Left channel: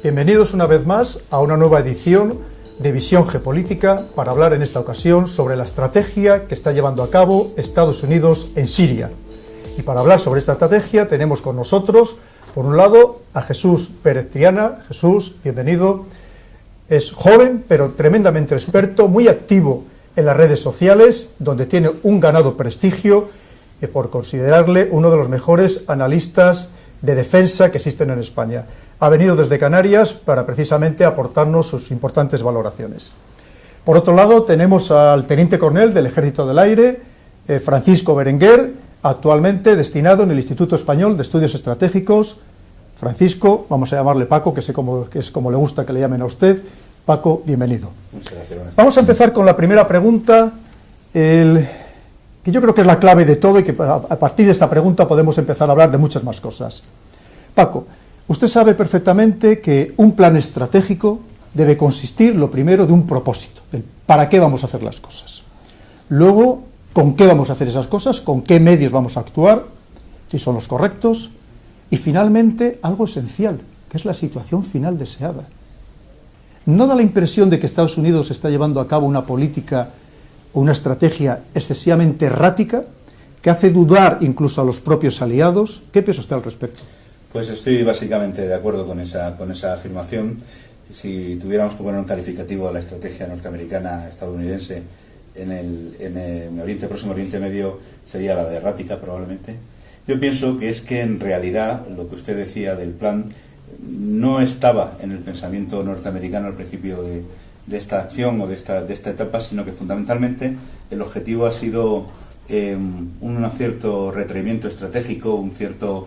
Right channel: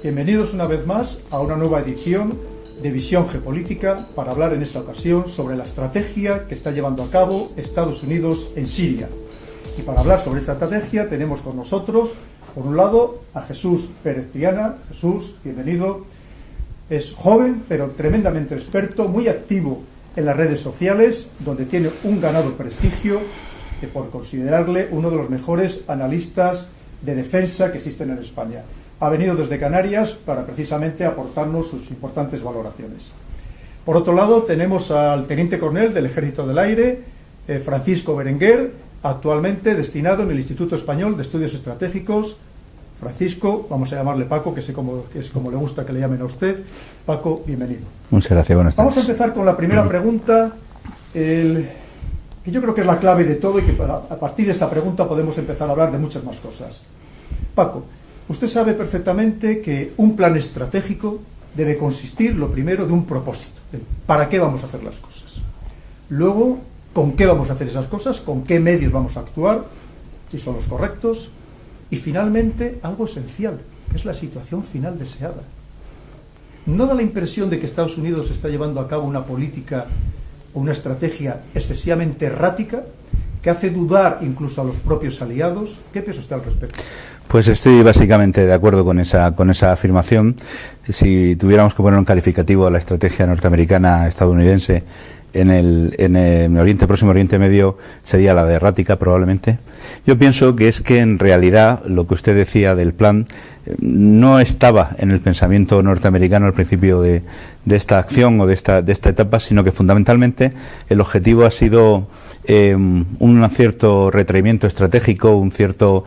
Bienvenidos una vez más a una nueva edición de Visión Geopolítica para hablar en esta ocasión sobre la estrategia que está llevando a cabo Estados Unidos en Siria. Y para hablar sobre esta estrategia tenemos con nosotros, por un lado, a Jesús Pérez Triana. Jesús, bienvenido. Es joven, pero tremendamente experto, muy activo en las redes sociales, donde tiene un ganado prestigio por considerarle uno de los mejores analistas de defensa que existen en España. Ha venido desde Canarias para precisamente aportarnos sus importantes valoraciones. Por otro lado, tenemos al teniente coronel del Ejército del Aire, Francisco Berenguer, actualmente destinado en el Instituto Español de Estudios Estratégicos. Francisco, vamos a llamarle Paco, que es como le gusta que le llamen a usted. Paco, bienvenido. Muchas gracias, buenas tardes. Vamos a empezar con la primera pregunta, que yo creo que es la clave de todo y que a partir de esta pregunta podemos empezar a hablar de muchas más cosas. Paco, usted sabe perfectamente que un plan estratégico debe consistir, lo primero, de un propósito, de para qué vamos a hacer las cosas. Luego, con qué vamos a hacer esas cosas, con qué medios vamos a actuar, si son los correctos, y finalmente algo esencial, que es la situación final deseada. ¿No da la impresión de que Estados Unidos está llevando a cabo una política o una estrategia excesivamente errática, que hace dudar incluso a los propios aliados? ¿Qué piensa usted al respecto? Pues estoy básicamente de acuerdo con esa afirmación. Si tuviéramos que poner un calificativo a la estrategia norteamericana estadounidense en el Próximo Oriente Medio, sería la de errática probablemente. Yo pienso que es que en realidad lo que usted decía del plan no estaba en el pensamiento norteamericano al principio de esta acción o de esta etapa, sino que fundamentalmente el objetivo ha sido un cierto retraimiento estratégico, un cierto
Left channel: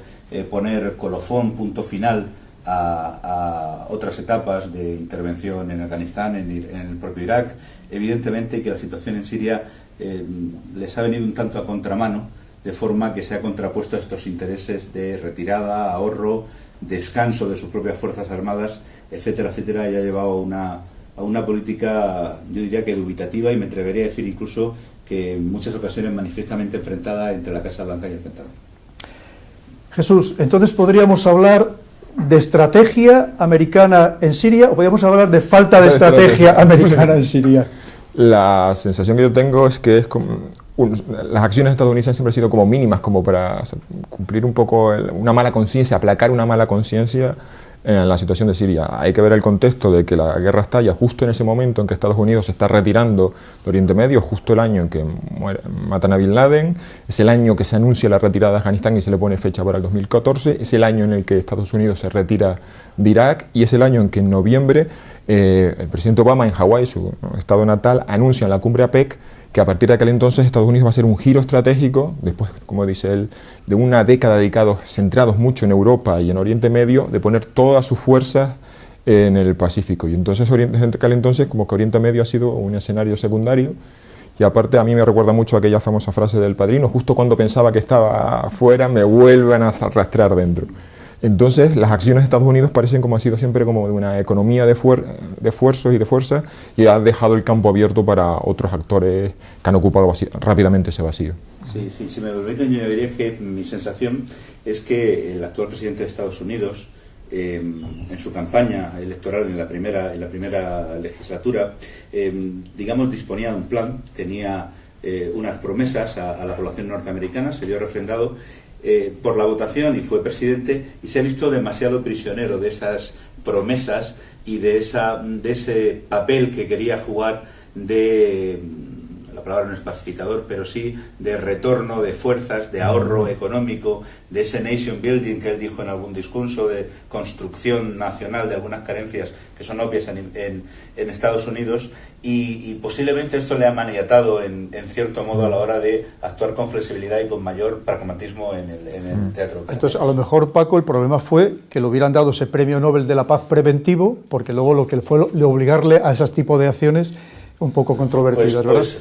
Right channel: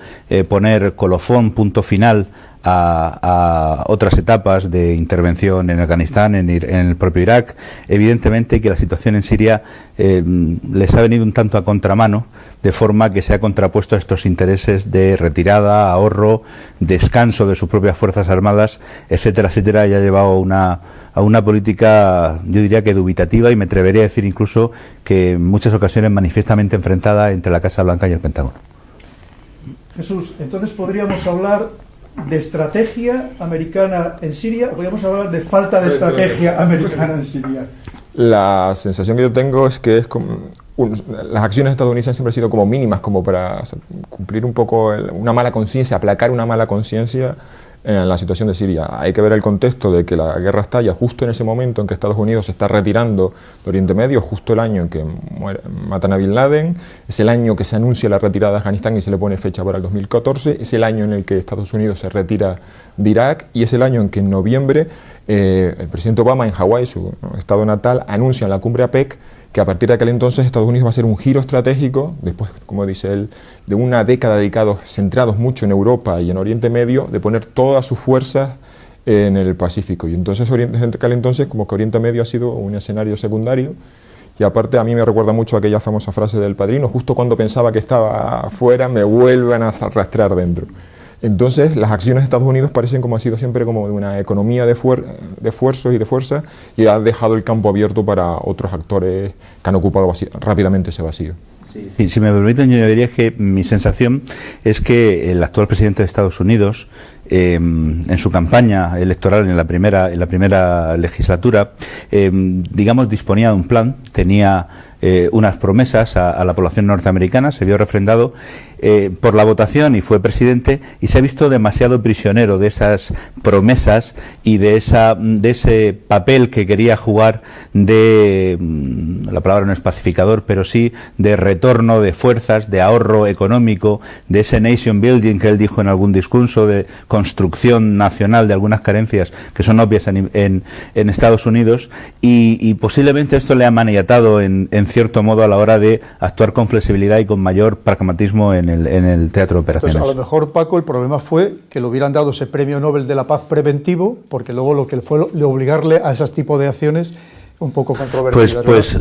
poner colofón, punto final a otras etapas de intervención en Afganistán, en el propio Irak. Evidentemente que la situación en Siria les ha venido un tanto a contramano, de forma que se ha contrapuesto a estos intereses de retirada, ahorro, descanso de sus propias fuerzas armadas, etcétera, etcétera, y ha llevado a una política, yo diría que dubitativa, y me atrevería a decir incluso que en muchas ocasiones manifiestamente enfrentada entre la Casa Blanca y el Pentágono. Jesús, entonces podríamos hablar de estrategia americana en Siria o podríamos hablar de falta de estrategia americana en Siria. La sensación que yo tengo es que las acciones estadounidenses siempre han sido como mínimas, como para cumplir un poco una mala conciencia, aplacar una mala conciencia en la situación de Siria. Hay que ver el contexto de que la guerra estalla justo en ese momento en que Estados Unidos se está retirando de Oriente Medio, justo el año en que matan a Bin Laden, es el año que se anuncia la retirada de Afganistán y se le pone fecha para el 2014, es el año en el que Estados Unidos se retira de Irak y es el año en que en noviembre el presidente Obama en Hawái, su estado natal, anuncia en la cumbre APEC que a partir de aquel entonces Estados Unidos va a hacer un giro estratégico, después, como dice él, de una década centrados mucho en Europa y en Oriente Medio, de poner todas sus fuerzas en el Pacífico. Y entonces, desde aquel entonces, como que Oriente Medio ha sido un escenario secundario. Y aparte, a mí me recuerda mucho aquella famosa frase del Padrino: justo cuando pensaba que estaba fuera, me vuelven a arrastrar dentro. Entonces, las acciones de Estados Unidos parecen como ha sido siempre como de una economía de esfuerzos y de fuerza, y ha dejado el campo abierto para otros actores que han ocupado rápidamente ese vacío. Sí, si me permiten, yo diría que mi sensación es que el actual presidente de Estados Unidos, en su campaña electoral en la primera legislatura, digamos, disponía de un plan, tenía unas promesas a la población norteamericana, se vio refrendado por la votación y fue presidente, y se ha visto demasiado prisionero de esas promesas y de ese papel que quería jugar la palabra no es pacificador, pero sí de retorno de fuerzas, de ahorro económico, de ese nation building que él dijo en algún discurso, de construcción nacional de algunas carencias que son obvias en Estados Unidos, y posiblemente esto le ha maniatado en cierto modo a la hora de actuar con flexibilidad y con mayor pragmatismo en el teatro de operaciones. Entonces, a lo mejor, Paco, el problema fue que le hubieran dado ese premio Nobel de la Paz preventivo, porque luego lo que fue le obligarle a ese tipo de acciones un poco controvertidas.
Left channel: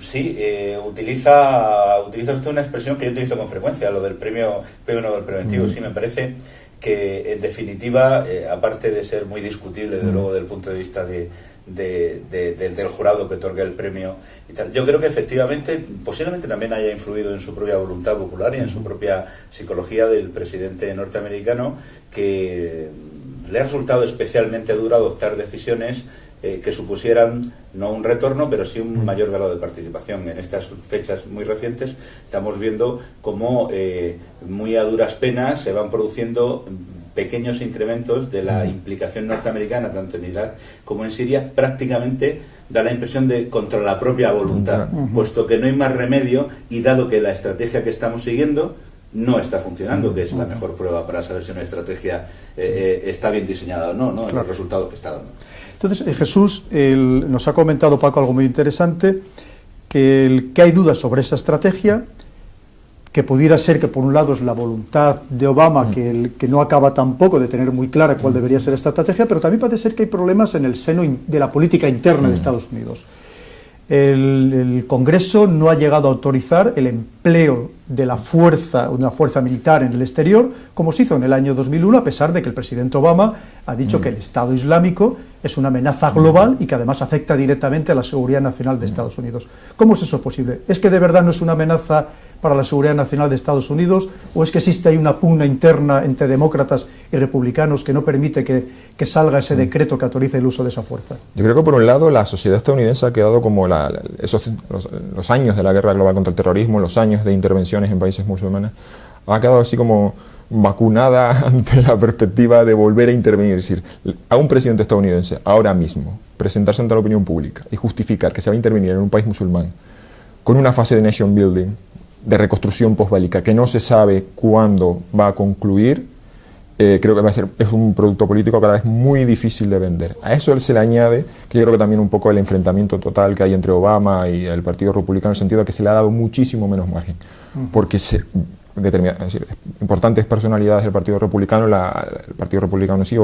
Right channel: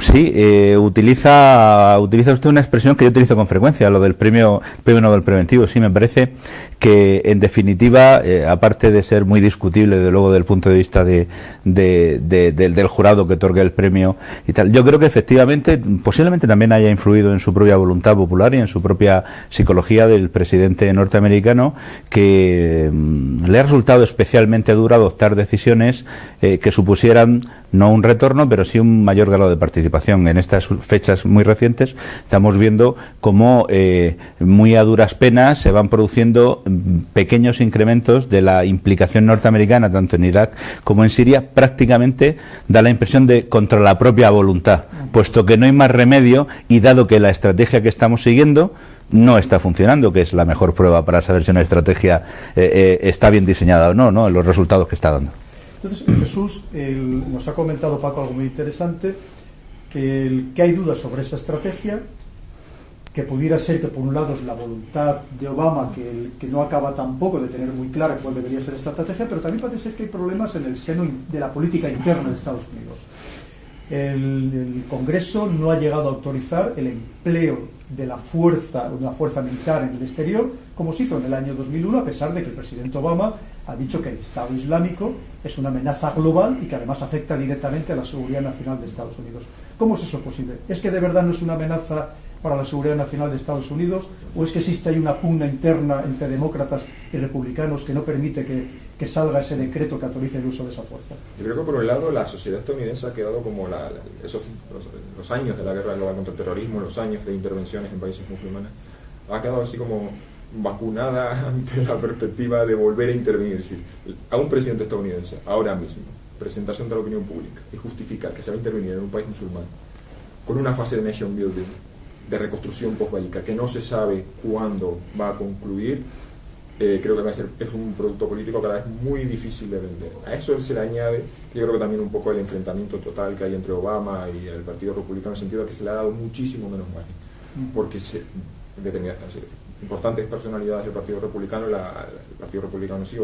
Sí, utiliza usted una expresión que yo utilizo con frecuencia, lo del premio Nobel preventivo. Sí, me parece que en definitiva, aparte de ser muy discutible desde luego del punto de vista del jurado que otorga el premio y tal, yo creo que efectivamente posiblemente también haya influido en su propia voluntad popular y en su propia psicología del presidente norteamericano, que le ha resultado especialmente duro adoptar decisiones que supusieran no un retorno, pero sí un mayor grado de participación. En estas fechas muy recientes estamos viendo cómo muy a duras penas se van produciendo pequeños incrementos de la implicación norteamericana tanto en Irak como en Siria. Prácticamente da la impresión de contra la propia voluntad, puesto que no hay más remedio y dado que la estrategia que estamos siguiendo no está funcionando, que es la mejor prueba para saber si una estrategia está bien diseñada o no, en los resultados que está dando. Entonces, Jesús, nos ha comentado Paco algo muy interesante, que hay dudas sobre esa estrategia, que pudiera ser que por un lado es la voluntad de Obama, que no acaba tampoco de tener muy clara cuál debería ser esta estrategia, pero también parece ser que hay problemas en el seno de la política interna de Estados Unidos. El Congreso no ha llegado a autorizar el empleo de una fuerza militar en el exterior, como se hizo en el año 2001, a pesar de que el presidente Obama ha dicho que el Estado Islámico es una amenaza global y que además afecta directamente a la seguridad nacional de Estados Unidos. ¿Cómo es eso posible? ¿Es que de verdad no es una amenaza para la seguridad nacional de Estados Unidos, o es que existe ahí una pugna interna entre demócratas y republicanos que no permite que salga ese decreto que autorice el uso de esa fuerza? Yo creo que por un lado la sociedad estadounidense ha quedado como los años de la guerra global contra el terrorismo, los años de intervenciones en países musulmanes, ha quedado así como vacunada ante la perspectiva de volver a intervenir. Es decir, a un presidente estadounidense ahora mismo presentarse ante la opinión pública y justificar que se va a intervenir en un país musulmán con una fase de nation building, de reconstrucción postbélica, que no se sabe cuándo va a concluir, creo que es un producto político cada vez muy difícil de vender. A eso se le añade que yo creo que también un poco el enfrentamiento total que hay entre Obama y el Partido Republicano, en el sentido de que se le ha dado muchísimo menos margen, porque importantes personalidades del Partido Republicano, el Partido Republicano sí,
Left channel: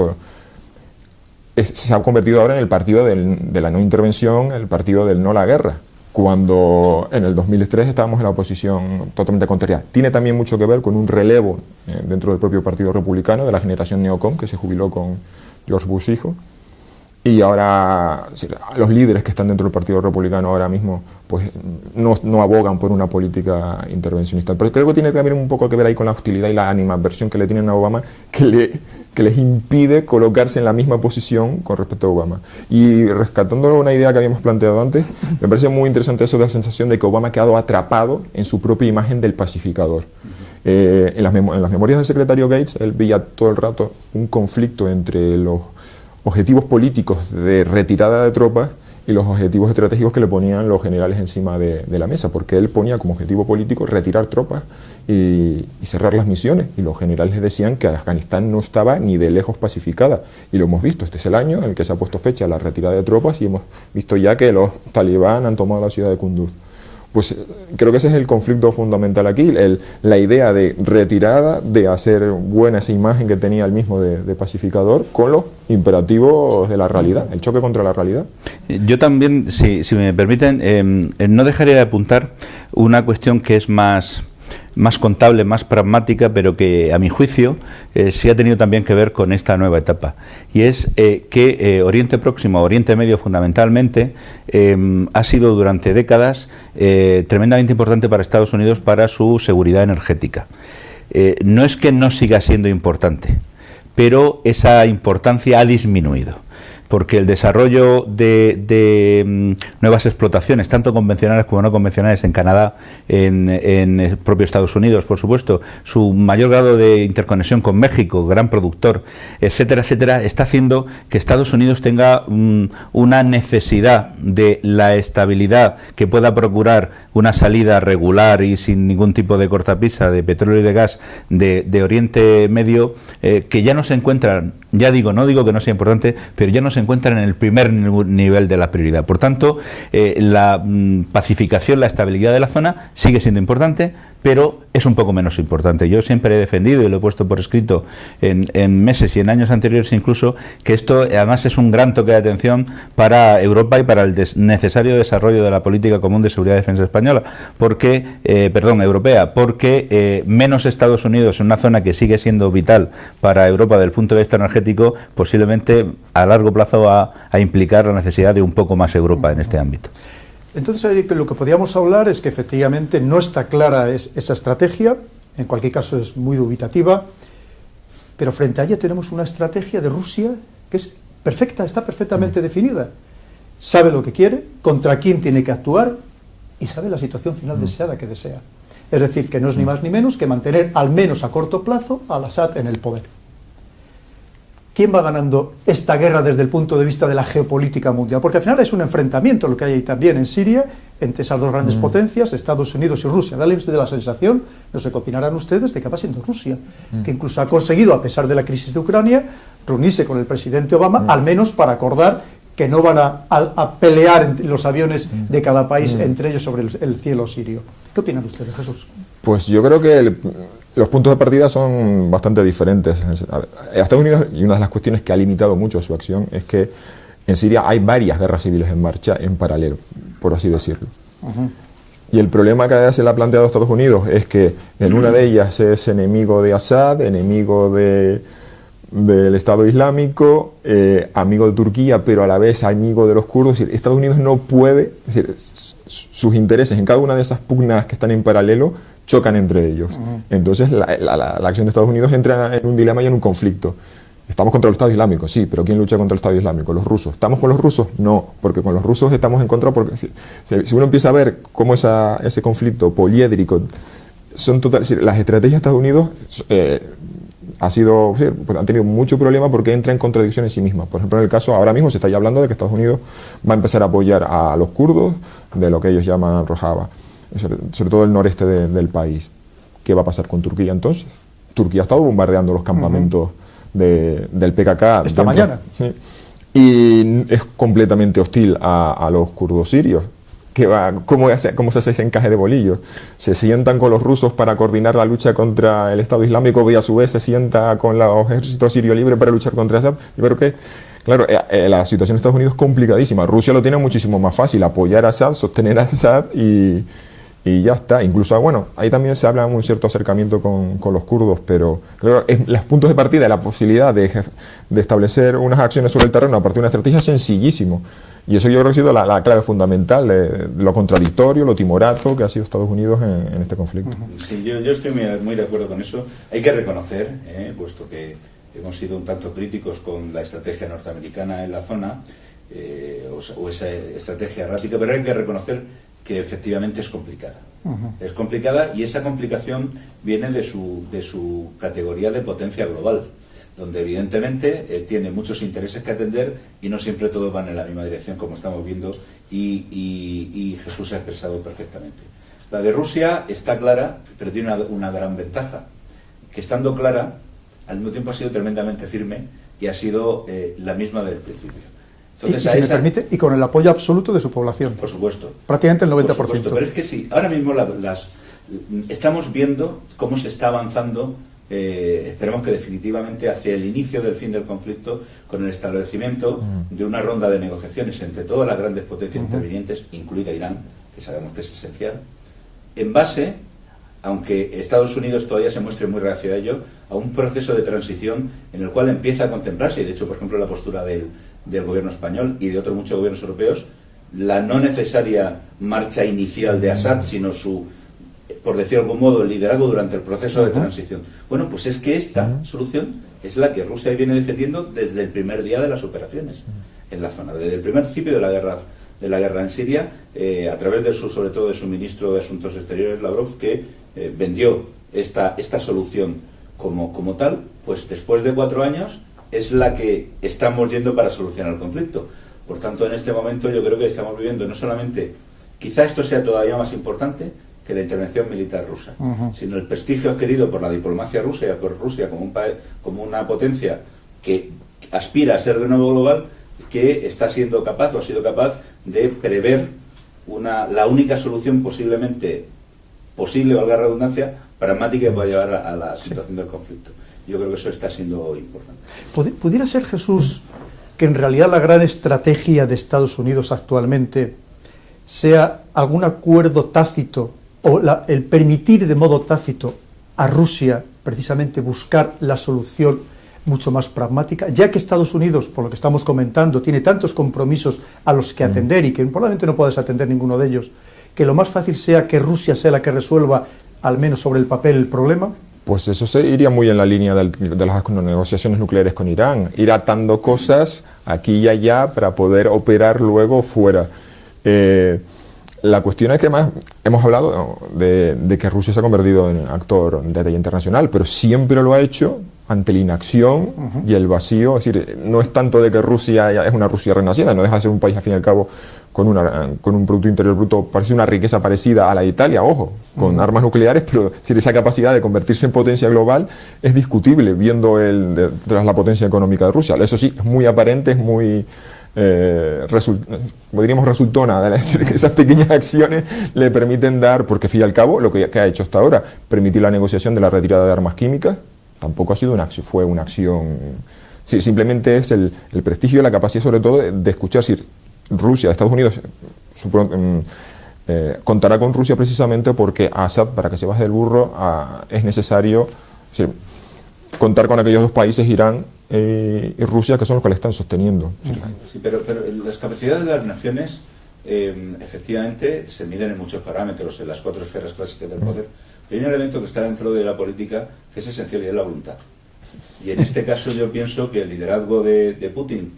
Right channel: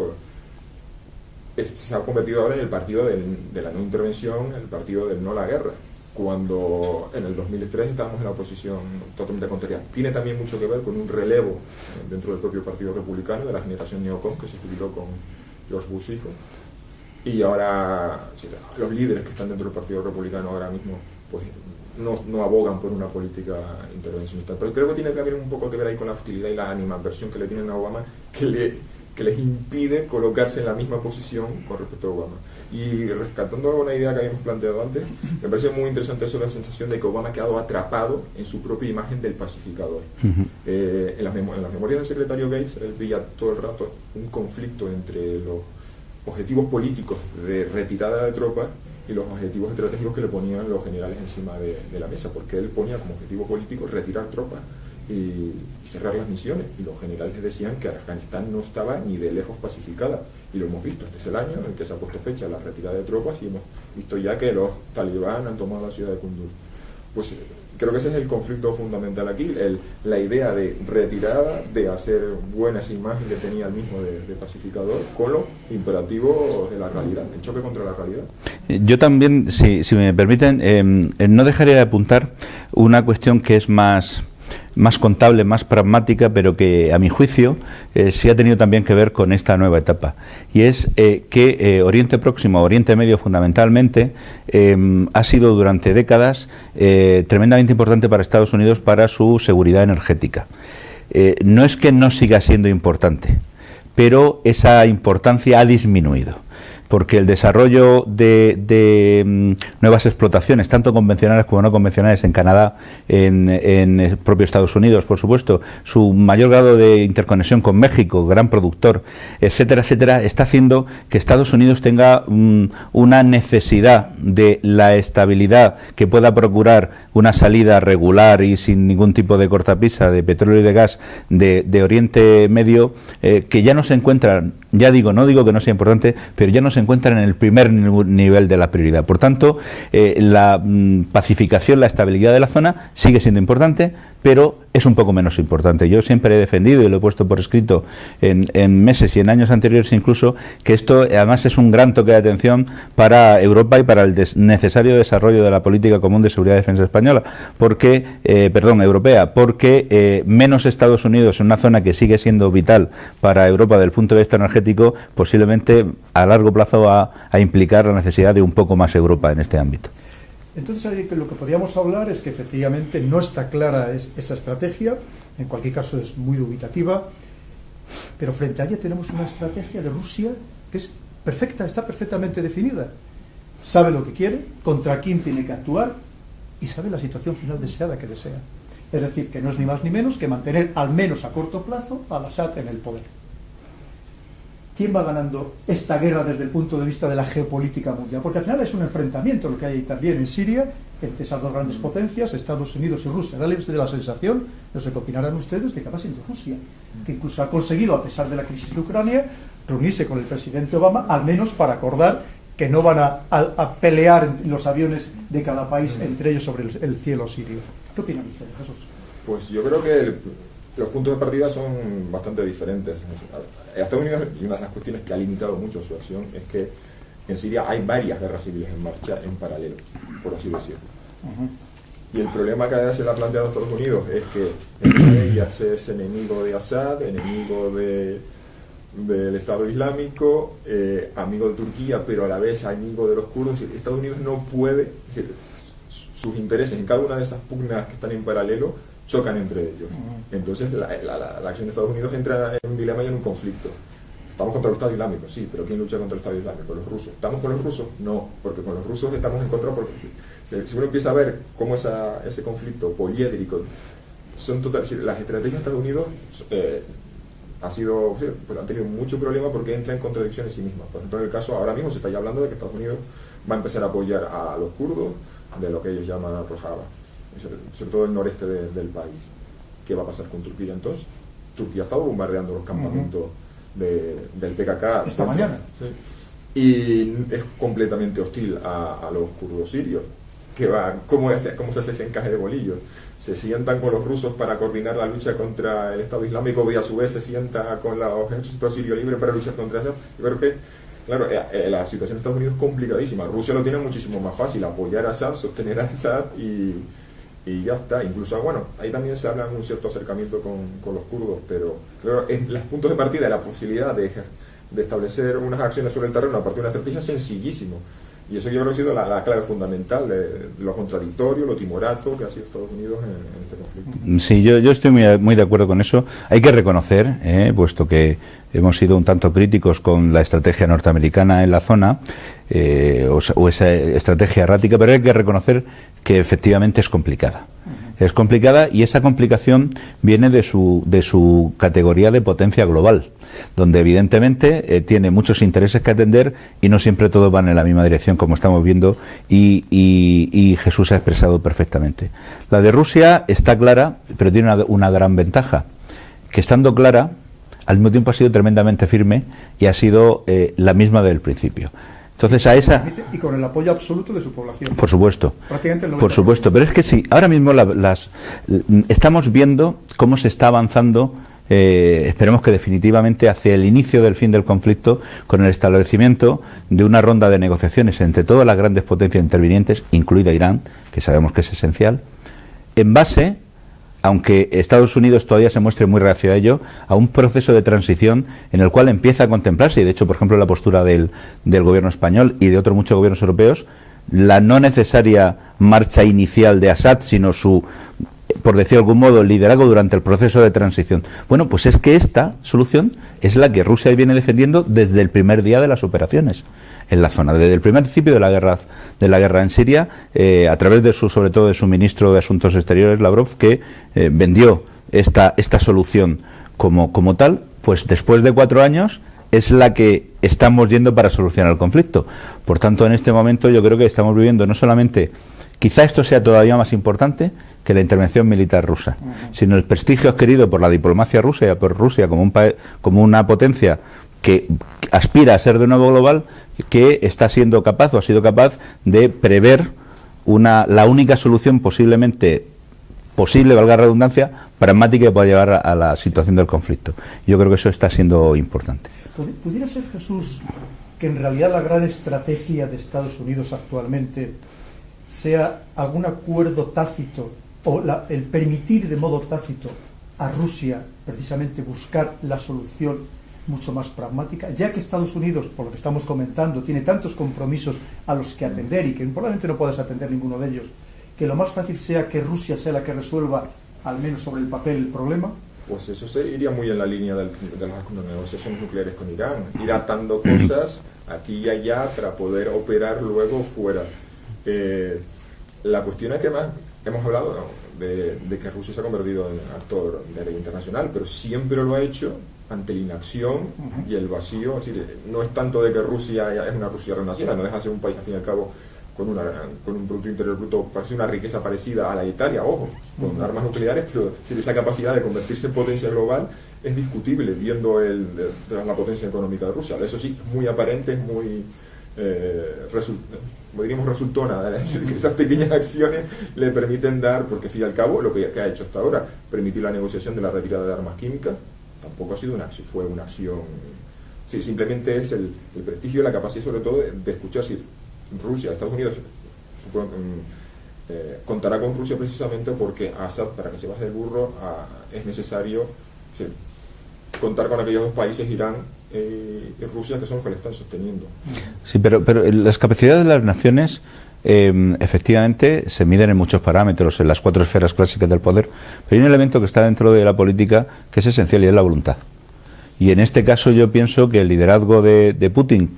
se ha convertido ahora en el partido de la no intervención, el partido del no a la guerra, cuando en el 2003 estábamos en la oposición totalmente contraria. Tiene también mucho que ver con un relevo dentro del propio Partido Republicano de la generación neocon, que se jubiló con George Bush hijo, y ahora los líderes que están dentro del Partido Republicano ahora mismo pues no abogan por una política intervencionista. Pero creo que tiene también un poco que ver ahí con la hostilidad y la animadversión que le tienen a Obama, que les impide colocarse en la misma posición con respecto a Obama. Y rescatando una idea que habíamos planteado antes, me parece muy interesante eso de la sensación de que Obama ha quedado atrapado en su propia imagen del pacificador. En las memorias del secretario Gates, él veía todo el rato un conflicto entre los objetivos políticos de retirada de tropas y los objetivos estratégicos que le ponían los generales encima de la mesa, porque él ponía como objetivo político retirar tropas y cerrar las misiones, y los generales decían que Afganistán no estaba ni de lejos pacificada, y lo hemos visto. Este es el año en el que se ha puesto fecha a la retirada de tropas y hemos visto ya que los talibán han tomado la ciudad de Kunduz. Pues creo que ese es el conflicto fundamental aquí, la idea de retirada, de hacer buena esa imagen que tenía el mismo de pacificador, con los imperativos de la realidad, el choque contra la realidad. Yo también, si me permiten, no dejaría de apuntar una cuestión que es más contable, más pragmática, pero que a mi juicio sí ha tenido también que ver con esta nueva etapa, y es que Oriente Próximo, Oriente Medio fundamentalmente, ha sido durante décadas tremendamente importante para Estados Unidos para su seguridad energética. No es que no siga siendo importante, pero esa importancia ha disminuido, porque el desarrollo de nuevas explotaciones, tanto convencionales como no convencionales, en Canadá, en el propio Estados Unidos, por supuesto, su mayor grado de interconexión con México, gran productor, etcétera, etcétera, está haciendo que Estados Unidos tenga una necesidad de la estabilidad que pueda procurar una salida regular y sin ningún tipo de cortapisa de petróleo y de gas de Oriente Medio, que ya no se encuentran, no digo que no sea importante, pero ya no se encuentran en el primer nivel de la prioridad. Por tanto, la pacificación, la estabilidad de la zona sigue siendo importante, pero es un poco menos importante. Yo siempre he defendido, y lo he puesto por escrito en meses y en años anteriores incluso, que esto además es un gran toque de atención para Europa y para el necesario desarrollo de la política común de seguridad y defensa española, europea, porque menos Estados Unidos en una zona que sigue siendo vital para Europa desde el punto de vista energético, posiblemente a largo plazo va a implicar la necesidad de un poco más Europa en este ámbito. Entonces, lo que podríamos hablar es que efectivamente no está clara esa estrategia, en cualquier caso es muy dubitativa, pero frente a ella tenemos una estrategia de Rusia que es perfecta, está perfectamente definida. Sabe lo que quiere, contra quién tiene que actuar y sabe la situación final deseada que desea. Es decir, que no es ni más ni menos que mantener, al menos a corto plazo, al Assad en el poder. ¿Quién va ganando esta guerra desde el punto de vista de la geopolítica mundial? Porque al final es un enfrentamiento lo que hay ahí también en Siria, entre esas dos grandes potencias, Estados Unidos y Rusia. Dale la sensación, no sé qué opinarán ustedes, de que va siendo Rusia, que incluso ha conseguido, a pesar de la crisis de Ucrania, reunirse con el presidente Obama, al menos para acordar que no van a pelear los aviones de cada país entre ellos sobre el cielo sirio. ¿Qué opinan ustedes, Jesús? Pues yo creo que los puntos de partida son bastante diferentes. Estados Unidos, y una de las cuestiones que ha limitado mucho su acción, es que en Siria hay varias guerras civiles en marcha en paralelo, por así decirlo. Y el problema que se le ha planteado a Estados Unidos es que en una de ellas es enemigo de Assad, enemigo del Estado Islámico, amigo de Turquía, pero a la vez amigo de los kurdos. Estados Unidos no puede, es decir, sus intereses en cada una de esas pugnas que están en paralelo chocan entre ellos. Entonces la acción de Estados Unidos entra en un dilema y en un conflicto. Estamos contra el Estado Islámico, sí, pero ¿quién lucha contra el Estado Islámico? Los rusos. ¿Estamos con los rusos? No, porque con los rusos estamos en contra, porque si uno empieza a ver cómo ese conflicto poliédrico son las estrategias de Estados Unidos han tenido mucho problema porque entra en contradicción en sí mismas. Por ejemplo, en el caso, ahora mismo se está ya hablando de que Estados Unidos va a empezar a apoyar a los kurdos de lo que ellos llaman Rojava, sobre todo el noreste del país. ¿Qué va a pasar con Turquía entonces? Turquía ha estado bombardeando los campamentos del PKK esta mañana. ¿Sí? Y es completamente hostil a los kurdos sirios. ¿Cómo se hace ese encaje de bolillos? Se sientan con los rusos para coordinar la lucha contra el Estado Islámico y a su vez se sienta con los ejércitos sirio libre para luchar contra Assad. Yo creo que, claro, la situación en Estados Unidos es complicadísima. Rusia lo tiene muchísimo más fácil, apoyar a Assad, sostener a Assad y ya está. Incluso, bueno, ahí también se habla de un cierto acercamiento con los kurdos, pero claro, los puntos de partida, la posibilidad de establecer unas acciones sobre el terreno a partir de una estrategia es sencillísimo. Y eso yo creo que ha sido la clave fundamental de lo contradictorio, lo timorato que ha sido Estados Unidos en este conflicto. Sí, yo estoy muy de acuerdo con eso. Hay que reconocer, puesto que hemos sido un tanto críticos con la estrategia norteamericana en la zona, o esa estrategia errática, pero hay que reconocer que efectivamente es complicada. Es complicada y esa complicación viene de su categoría de potencia global, donde evidentemente tiene muchos intereses que atender y no siempre todos van en la misma dirección, como estamos viendo, y Jesús ha expresado perfectamente. La de Rusia está clara, pero tiene una gran ventaja, que estando clara, al mismo tiempo ha sido tremendamente firme y ha sido la misma desde el principio. Entonces, y con el apoyo absoluto de su población. Por supuesto. Prácticamente el 90%. Por supuesto, pero es que sí, ahora mismo estamos viendo cómo se está avanzando, esperemos que definitivamente, hacia el inicio del fin del conflicto, con el establecimiento de una ronda de negociaciones entre todas las grandes potencias intervinientes, incluida Irán, que sabemos que es esencial, en base, aunque Estados Unidos todavía se muestre muy reacio a ello, a un proceso de transición en el cual empieza a contemplarse, y de hecho, por ejemplo, la postura del gobierno español y de otros muchos gobiernos europeos, la no necesaria marcha inicial de Assad, sino su, por decir de algún modo, liderazgo durante el proceso de transición. Bueno, pues es que esta solución es la que Rusia viene defendiendo desde el primer día de las operaciones en la zona, desde el primer principio de la guerra en Siria, a través sobre todo de su ministro de Asuntos Exteriores, Lavrov, que vendió esta solución como tal. Pues después de 4 años es la que estamos yendo para solucionar el conflicto. Por tanto, en este momento yo creo que estamos viviendo no solamente, quizá esto sea todavía más importante que la intervención militar rusa, sino el prestigio adquirido por la diplomacia rusa y por Rusia como una potencia que aspira a ser de nuevo global, que está siendo capaz o ha sido capaz de prever la única solución posiblemente posible, valga la redundancia, pragmática que pueda llevar a la situación del conflicto. Yo creo que eso está siendo importante. ¿Pudiera ser, Jesús, que en realidad la gran estrategia de Estados Unidos actualmente sea algún acuerdo tácito o el permitir de modo tácito a Rusia precisamente buscar la solución mucho más pragmática, ya que Estados Unidos, por lo que estamos comentando, tiene tantos compromisos a los que atender y que probablemente no puedas atender ninguno de ellos, que lo más fácil sea que Rusia sea la que resuelva, al menos sobre el papel, el problema? Pues eso se iría muy en la línea de las negociaciones nucleares con Irán, ir atando cosas aquí y allá para poder operar luego fuera. La cuestión es que además hemos hablado de que Rusia se ha convertido en actor de talla internacional, pero siempre lo ha hecho ante la inacción y el vacío. Es decir, no es tanto de que Rusia ya es una Rusia renacida, no deja de ser un país al fin y al cabo con un Producto Interior Bruto, parece una riqueza parecida a la de Italia, ojo, con armas nucleares, pero esa capacidad de convertirse en potencia global es discutible viendo tras la potencia económica de Rusia. Eso sí, es muy aparente, es muy... diríamos resultona, es decir, que esas pequeñas acciones le permiten dar, porque al fin y al cabo lo que ha hecho hasta ahora, permitir la negociación de la retirada de armas químicas, tampoco ha sido una acción, fue una acción, sí, simplemente es el prestigio y la capacidad sobre todo de escuchar, si Rusia, Estados Unidos contará con Rusia precisamente porque Assad, para que se baje del burro, es necesario contar con aquellos dos países, Irán y Rusia, que son los que le están sosteniendo. Sí, pero las capacidades de las naciones efectivamente se miden en muchos parámetros, en las 4 esferas clásicas del poder, pero hay un elemento que está dentro de la política que es esencial y es la voluntad. Y en este caso yo pienso que el liderazgo de Putin,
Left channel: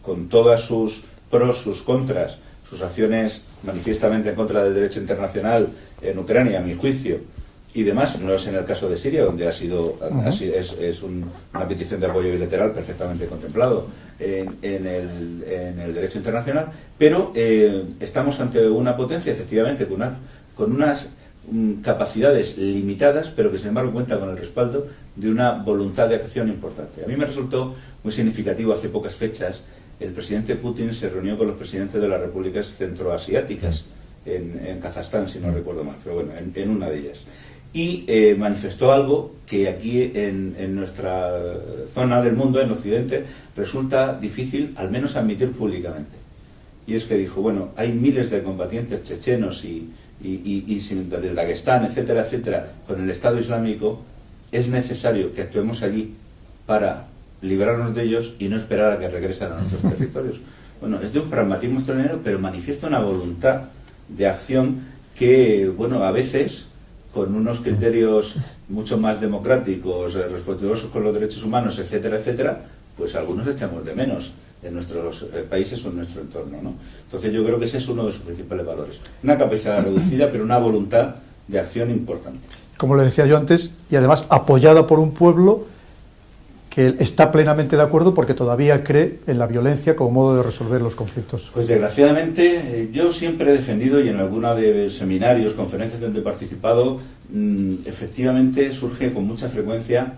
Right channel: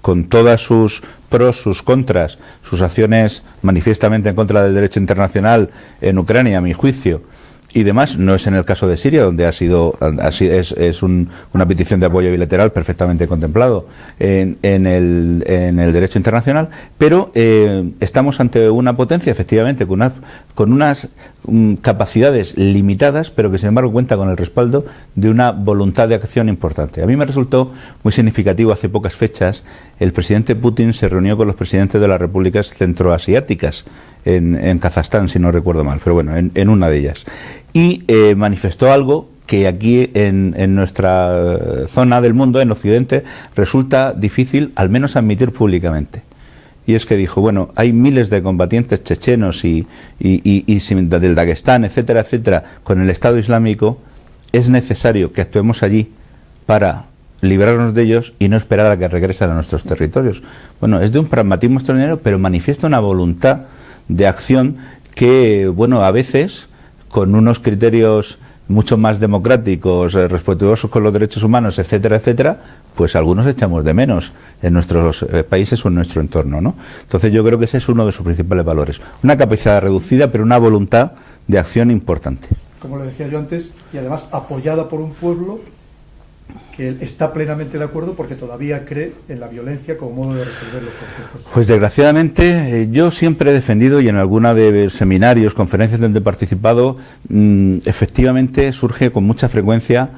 con todas sus pros, sus contras, sus acciones manifiestamente en contra del derecho internacional en Ucrania, a mi juicio, y demás, no es en el caso de Siria, donde es una petición de apoyo bilateral perfectamente contemplado en el derecho internacional, pero estamos ante una potencia, efectivamente, con unas capacidades limitadas, pero que sin embargo cuenta con el respaldo de una voluntad de acción importante. A mí me resultó muy significativo hace pocas fechas, el presidente Putin se reunió con los presidentes de las repúblicas centroasiáticas en Kazajstán, si no recuerdo mal, pero bueno, en una de ellas. Y manifestó algo que aquí en nuestra zona del mundo, en Occidente, resulta difícil al menos admitir públicamente. Y es que dijo, bueno, hay miles de combatientes chechenos y del Daguestán, etcétera, etcétera, con el Estado Islámico, es necesario que actuemos allí para librarnos de ellos y no esperar a que regresen a nuestros territorios. Bueno, es de un pragmatismo extraordinario, pero manifiesta una voluntad de acción que, bueno, a veces, con unos criterios mucho más democráticos, respetuosos con los derechos humanos, etcétera, etcétera, pues algunos echamos de menos en nuestros países o en nuestro entorno, ¿no? Entonces yo creo que ese es uno de sus principales valores. Una capacidad reducida, pero una voluntad de acción importante. Como le decía yo antes, y además apoyada por un pueblo que está plenamente de acuerdo porque todavía cree en la violencia como modo de resolver los conflictos. Pues desgraciadamente yo siempre he defendido, y en alguna de seminarios, conferencias donde he participado, efectivamente surge con mucha frecuencia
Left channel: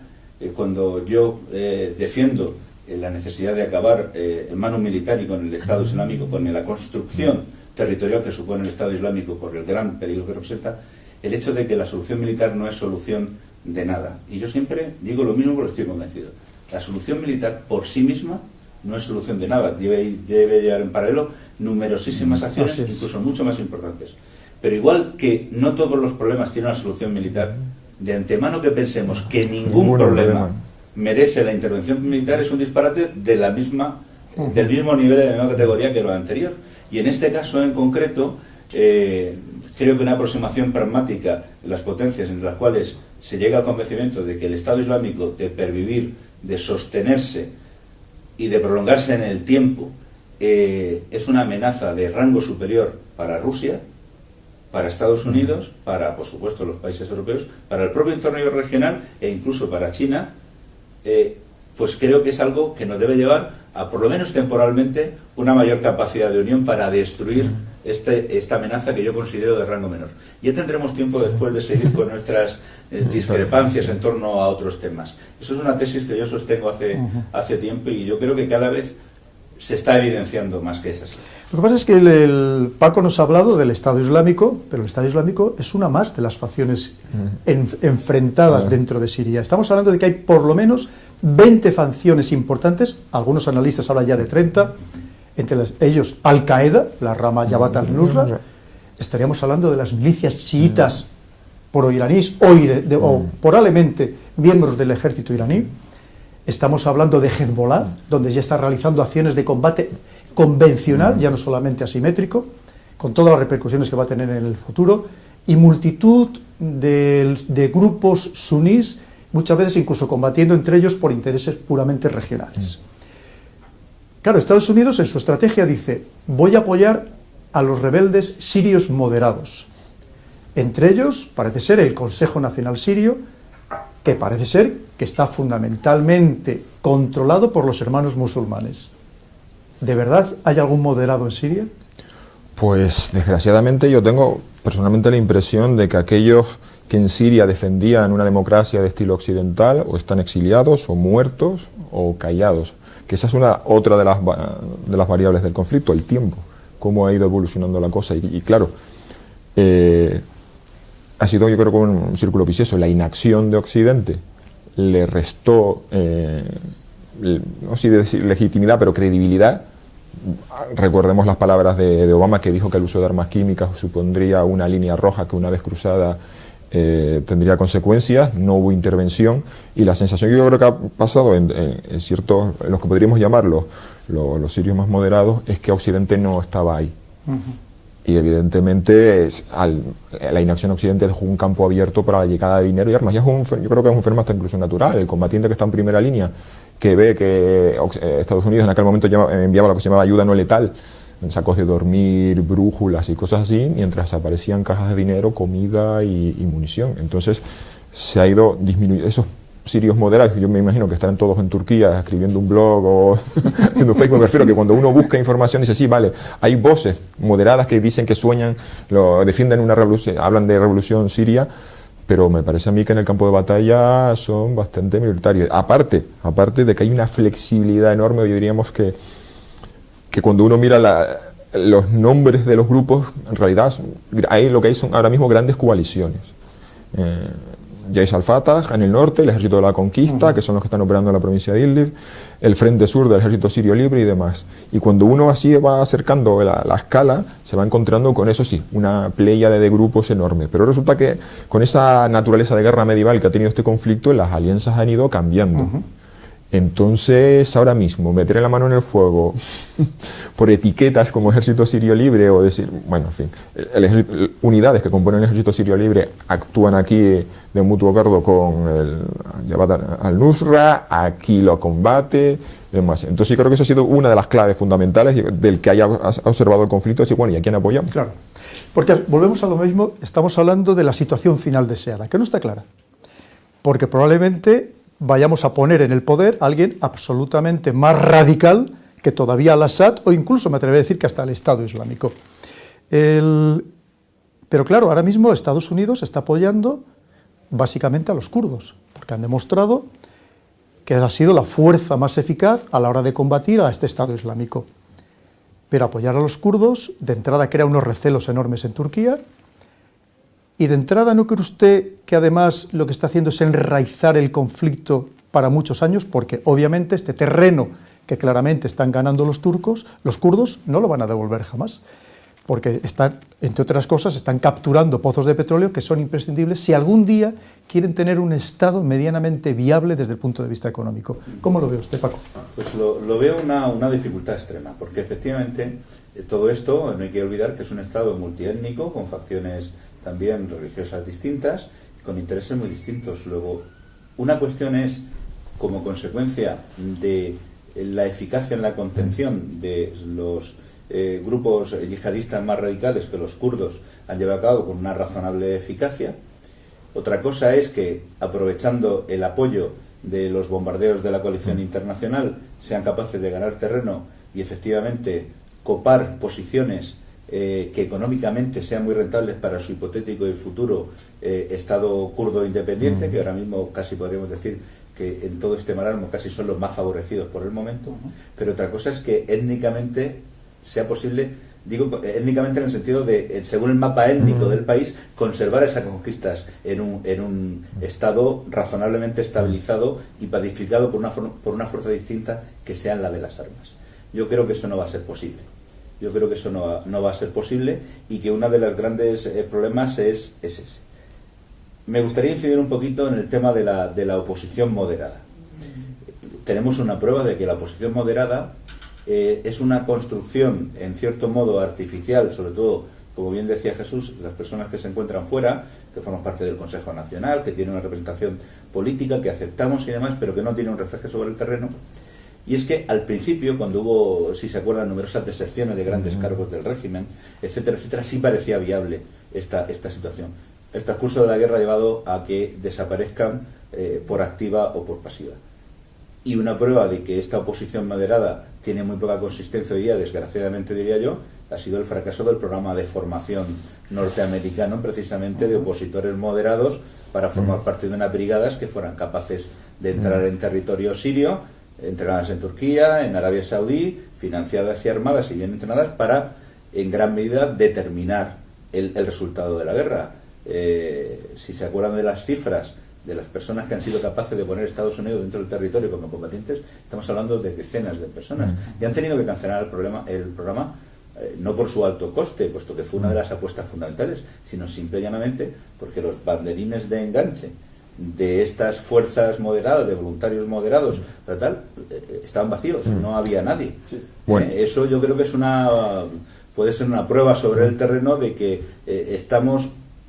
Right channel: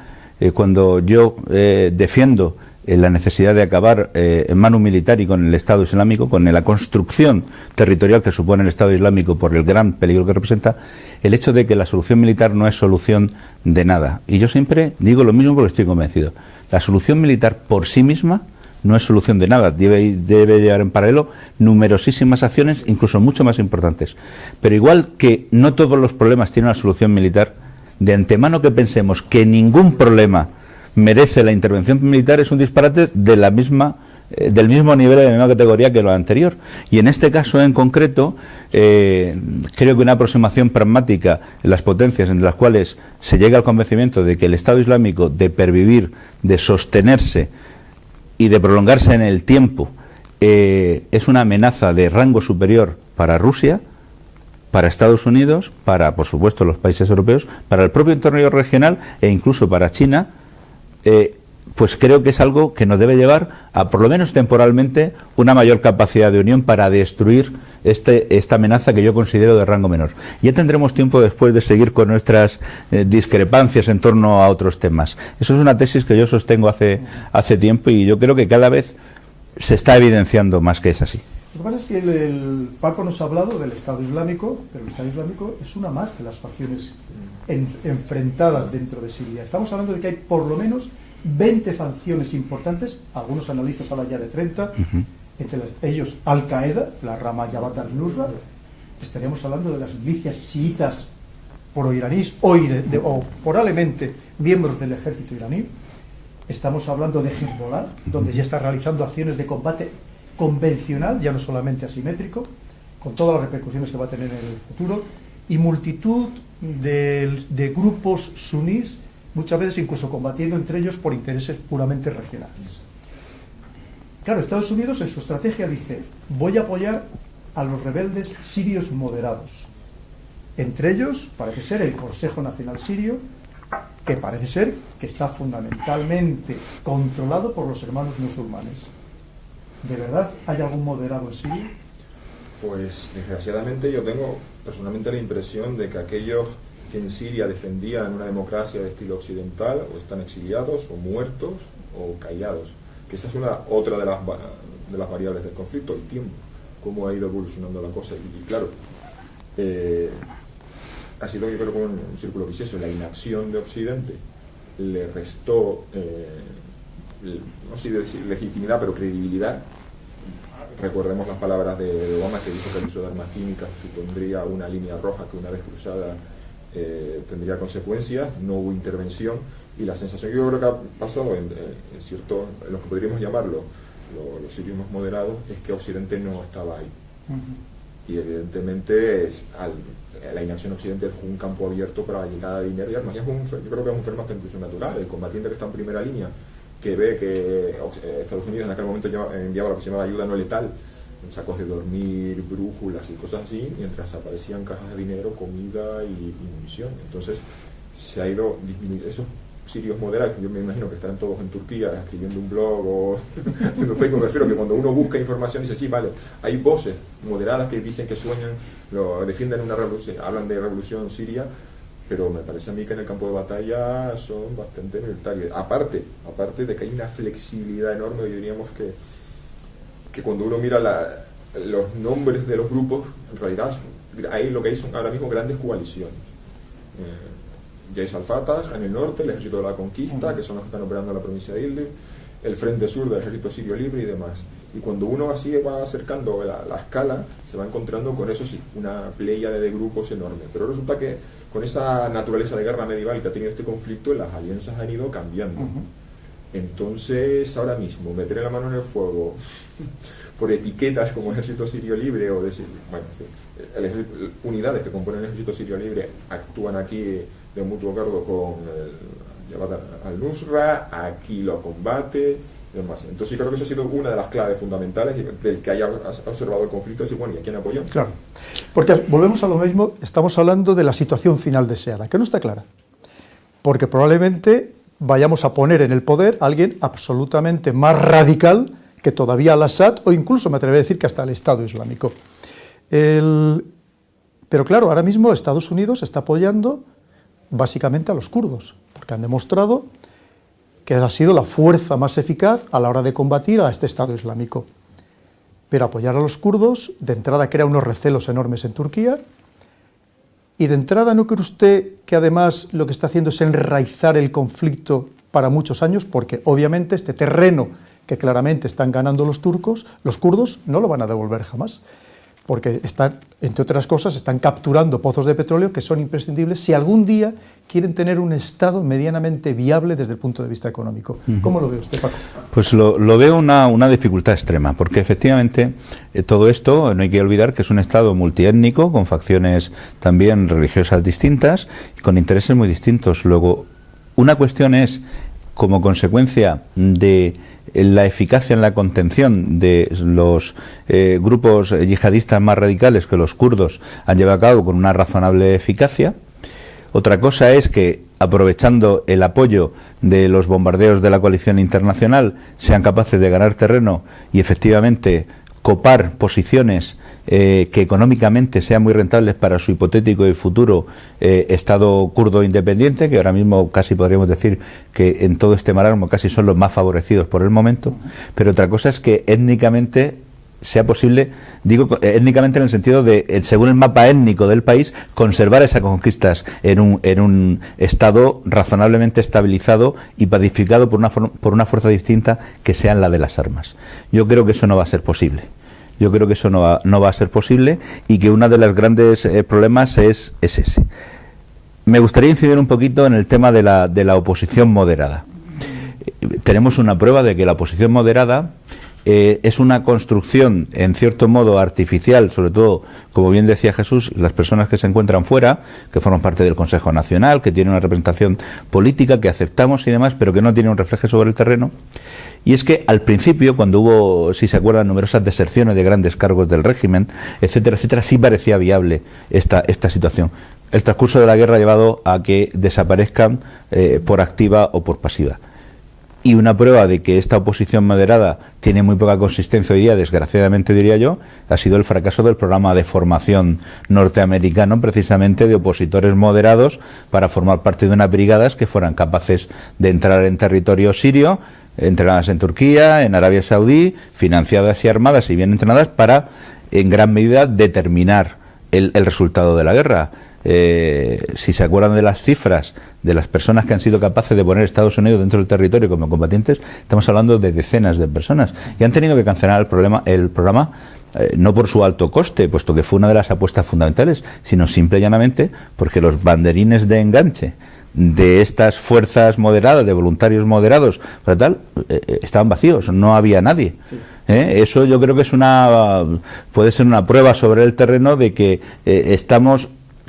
cuando yo defiendo la necesidad de acabar en mano militar y con el Estado Islámico, con la construcción territorial que supone el Estado Islámico por el gran peligro que representa, el hecho de que la solución militar no es solución de nada. Y yo siempre digo lo mismo porque estoy convencido. La solución militar por sí misma no es solución de nada. Debe llevar en paralelo numerosísimas acciones, incluso mucho más importantes. Pero igual que no todos los problemas tienen una solución militar, de antemano que pensemos que ningún problema merece la intervención militar es un disparate de la misma, del mismo nivel, de la misma categoría que lo anterior. Y en este caso en concreto, creo que una aproximación pragmática en las potencias en las cuales se llega al convencimiento de que el Estado Islámico, de pervivir, de sostenerse y de prolongarse en el tiempo, es una amenaza de rango superior para Rusia, para Estados Unidos, para, por supuesto, los países europeos, para el propio entorno regional e incluso para China, pues creo que es algo que nos debe llevar a, por lo menos temporalmente, una mayor capacidad de unión para destruir esta amenaza que yo considero de rango menor. Ya tendremos tiempo después de seguir con nuestras discrepancias en torno a otros temas. Eso es una tesis que yo sostengo hace tiempo, y yo creo que cada vez se está evidenciando más que es así. Lo que pasa es que el Paco nos ha hablado del Estado Islámico, pero el Estado Islámico es una más de las facciones enfrentadas dentro de Siria. Estamos hablando de que hay por lo menos 20 facciones importantes, algunos analistas hablan ya de 30, entre ellos Al-Qaeda, la rama Jabhat al-Nusra. Estaríamos hablando de las milicias chiitas pro-iraníes o probablemente miembros del ejército iraní. Estamos hablando de Hezbollah, donde ya está realizando acciones de combate convencional, ya no solamente asimétrico, con todas las repercusiones que va a tener en el futuro, y multitud de grupos sunís, muchas veces incluso combatiendo entre ellos por intereses puramente regionales. Claro, Estados Unidos en su estrategia dice, voy a apoyar a los rebeldes sirios moderados. Entre ellos parece ser el Consejo Nacional Sirio, que parece ser que está fundamentalmente controlado por los hermanos musulmanes. ¿De verdad hay algún moderado en Siria? Pues desgraciadamente yo tengo personalmente la impresión de que aquellos que en Siria defendían una democracia de estilo occidental o están exiliados o muertos o callados, que esa es otra de las variables del conflicto, el tiempo, cómo ha ido evolucionando la cosa y claro, ha sido yo creo que un círculo vicioso. La inacción de Occidente le restó, no sé decir legitimidad, pero credibilidad. Recordemos las palabras de Obama, que dijo que el uso de armas químicas supondría una línea roja que una vez cruzada tendría consecuencias. No hubo intervención y la sensación que yo creo que ha pasado en ciertos, en los que podríamos llamar los sirios más moderados, es que Occidente no estaba ahí. Y evidentemente la inacción occidente dejó un campo abierto para la llegada de dinero y armas. Y yo creo que es un fenómeno hasta incluso natural. El combatiente que está en primera línea, que ve que Estados Unidos en aquel momento enviaba lo que se llamaba ayuda no letal, en sacos de dormir, brújulas y cosas así, mientras aparecían cajas de dinero, comida y munición. Entonces se ha ido disminuyendo. Esos sirios moderados, yo me imagino que estarán todos en Turquía escribiendo un blog o haciendo Facebook. Me refiero que cuando uno busca información dice, sí, vale, hay voces moderadas que dicen que sueñan, defienden una revolución, hablan de revolución siria, pero me parece a mí que en el campo de batalla son bastante minoritarios. Aparte de que hay una flexibilidad enorme, hoy diríamos que cuando uno mira los nombres de los grupos, en realidad lo que hay son ahora mismo grandes coaliciones. Jaish al-Fatah en el norte, el Ejército de la Conquista, que son los que están operando en la provincia de Idlib, el Frente Sur del Ejército Sirio Libre y demás. Y cuando uno así va acercando la escala, se va encontrando con, eso sí, una pléyade de grupos enorme. Pero resulta que con esa naturaleza de guerra medieval que ha tenido este conflicto, las alianzas han ido cambiando. Entonces, ahora mismo, meter la mano en el fuego por etiquetas como Ejército Sirio Libre o decir, bueno, en fin, unidades que componen el Ejército Sirio Libre actúan aquí de mutuo acuerdo con el Jabhat al-Nusra, aquí lo combate, demás. Entonces, yo creo que eso ha sido una de las claves fundamentales del que haya observado el conflicto, decir, bueno, ¿y a quién apoyamos? Claro, porque volvemos a lo mismo, estamos hablando de la situación final deseada, que no está clara, porque probablemente vayamos a poner en el poder a alguien absolutamente más radical que todavía al-Assad o incluso me atrevería a decir que hasta el Estado Islámico. Pero claro, ahora mismo Estados Unidos está apoyando básicamente a los kurdos, porque han demostrado que ha sido la fuerza más eficaz a la hora de combatir a este Estado Islámico. Pero apoyar a los kurdos, de entrada crea unos recelos enormes en Turquía, y de entrada, ¿no cree usted que además lo que está haciendo es enraizar el conflicto para muchos años? Porque obviamente este terreno que claramente están ganando los turcos, los kurdos no lo van a devolver jamás, porque están, entre otras cosas, están capturando pozos de petróleo que son imprescindibles si algún día quieren tener un Estado medianamente viable desde el punto de vista económico. ¿Cómo lo ve usted, Paco? Pues lo veo una dificultad extrema, porque efectivamente todo esto, no hay que olvidar que es un Estado multiétnico, con facciones también religiosas distintas y con intereses muy distintos. Luego, una cuestión es, como consecuencia de la eficacia en la contención de los grupos yihadistas más radicales que los kurdos han llevado a cabo con una razonable eficacia. Otra cosa es que, aprovechando el apoyo de los bombardeos de la coalición internacional, sean capaces de ganar terreno y efectivamente copar posiciones que económicamente sean muy rentables para su hipotético y futuro Estado kurdo independiente, que ahora mismo casi podríamos decir que en todo este marasmo casi son los más favorecidos por el momento, pero otra cosa es que étnicamente sea posible, digo étnicamente en el sentido de, según el mapa étnico del país, conservar esas conquistas en un Estado razonablemente estabilizado y pacificado por una fuerza distinta que sea la de las armas. Yo creo que eso no va a ser posible. Yo creo que eso no va a ser posible y que uno de los grandes problemas es ese. Me gustaría incidir un poquito en el tema de la oposición moderada. Tenemos una prueba de que la oposición moderada es una construcción, en cierto modo, artificial, sobre todo, como bien decía Jesús, las personas que se encuentran fuera, que forman parte del Consejo Nacional, que tienen una representación política, que aceptamos y demás, pero que no tienen un reflejo sobre el terreno. Y es que al principio, cuando hubo, si se acuerdan, numerosas deserciones de grandes cargos del régimen, etcétera, etcétera, sí parecía viable esta situación. El transcurso de la guerra ha llevado a que desaparezcan por activa o por pasiva. Y una prueba de que esta oposición moderada tiene muy poca consistencia hoy día, desgraciadamente diría yo, ha sido el fracaso del programa de formación norteamericano, precisamente de opositores moderados, para formar parte de unas brigadas que fueran capaces de entrar en territorio sirio, entrenadas en Turquía, en Arabia Saudí, financiadas y armadas y bien entrenadas para, en gran medida, determinar el resultado de la guerra. Si se acuerdan de las cifras de las personas que han sido capaces de poner Estados Unidos dentro del territorio como combatientes, estamos hablando de decenas de personas y han tenido que cancelar el programa no por su alto coste, puesto que fue una de las apuestas fundamentales, sino simple y llanamente porque los banderines de enganche de estas fuerzas moderadas, de voluntarios moderados, para tal, estaban vacíos, no había nadie. Sí. Eso yo creo que puede ser una prueba sobre el terreno de que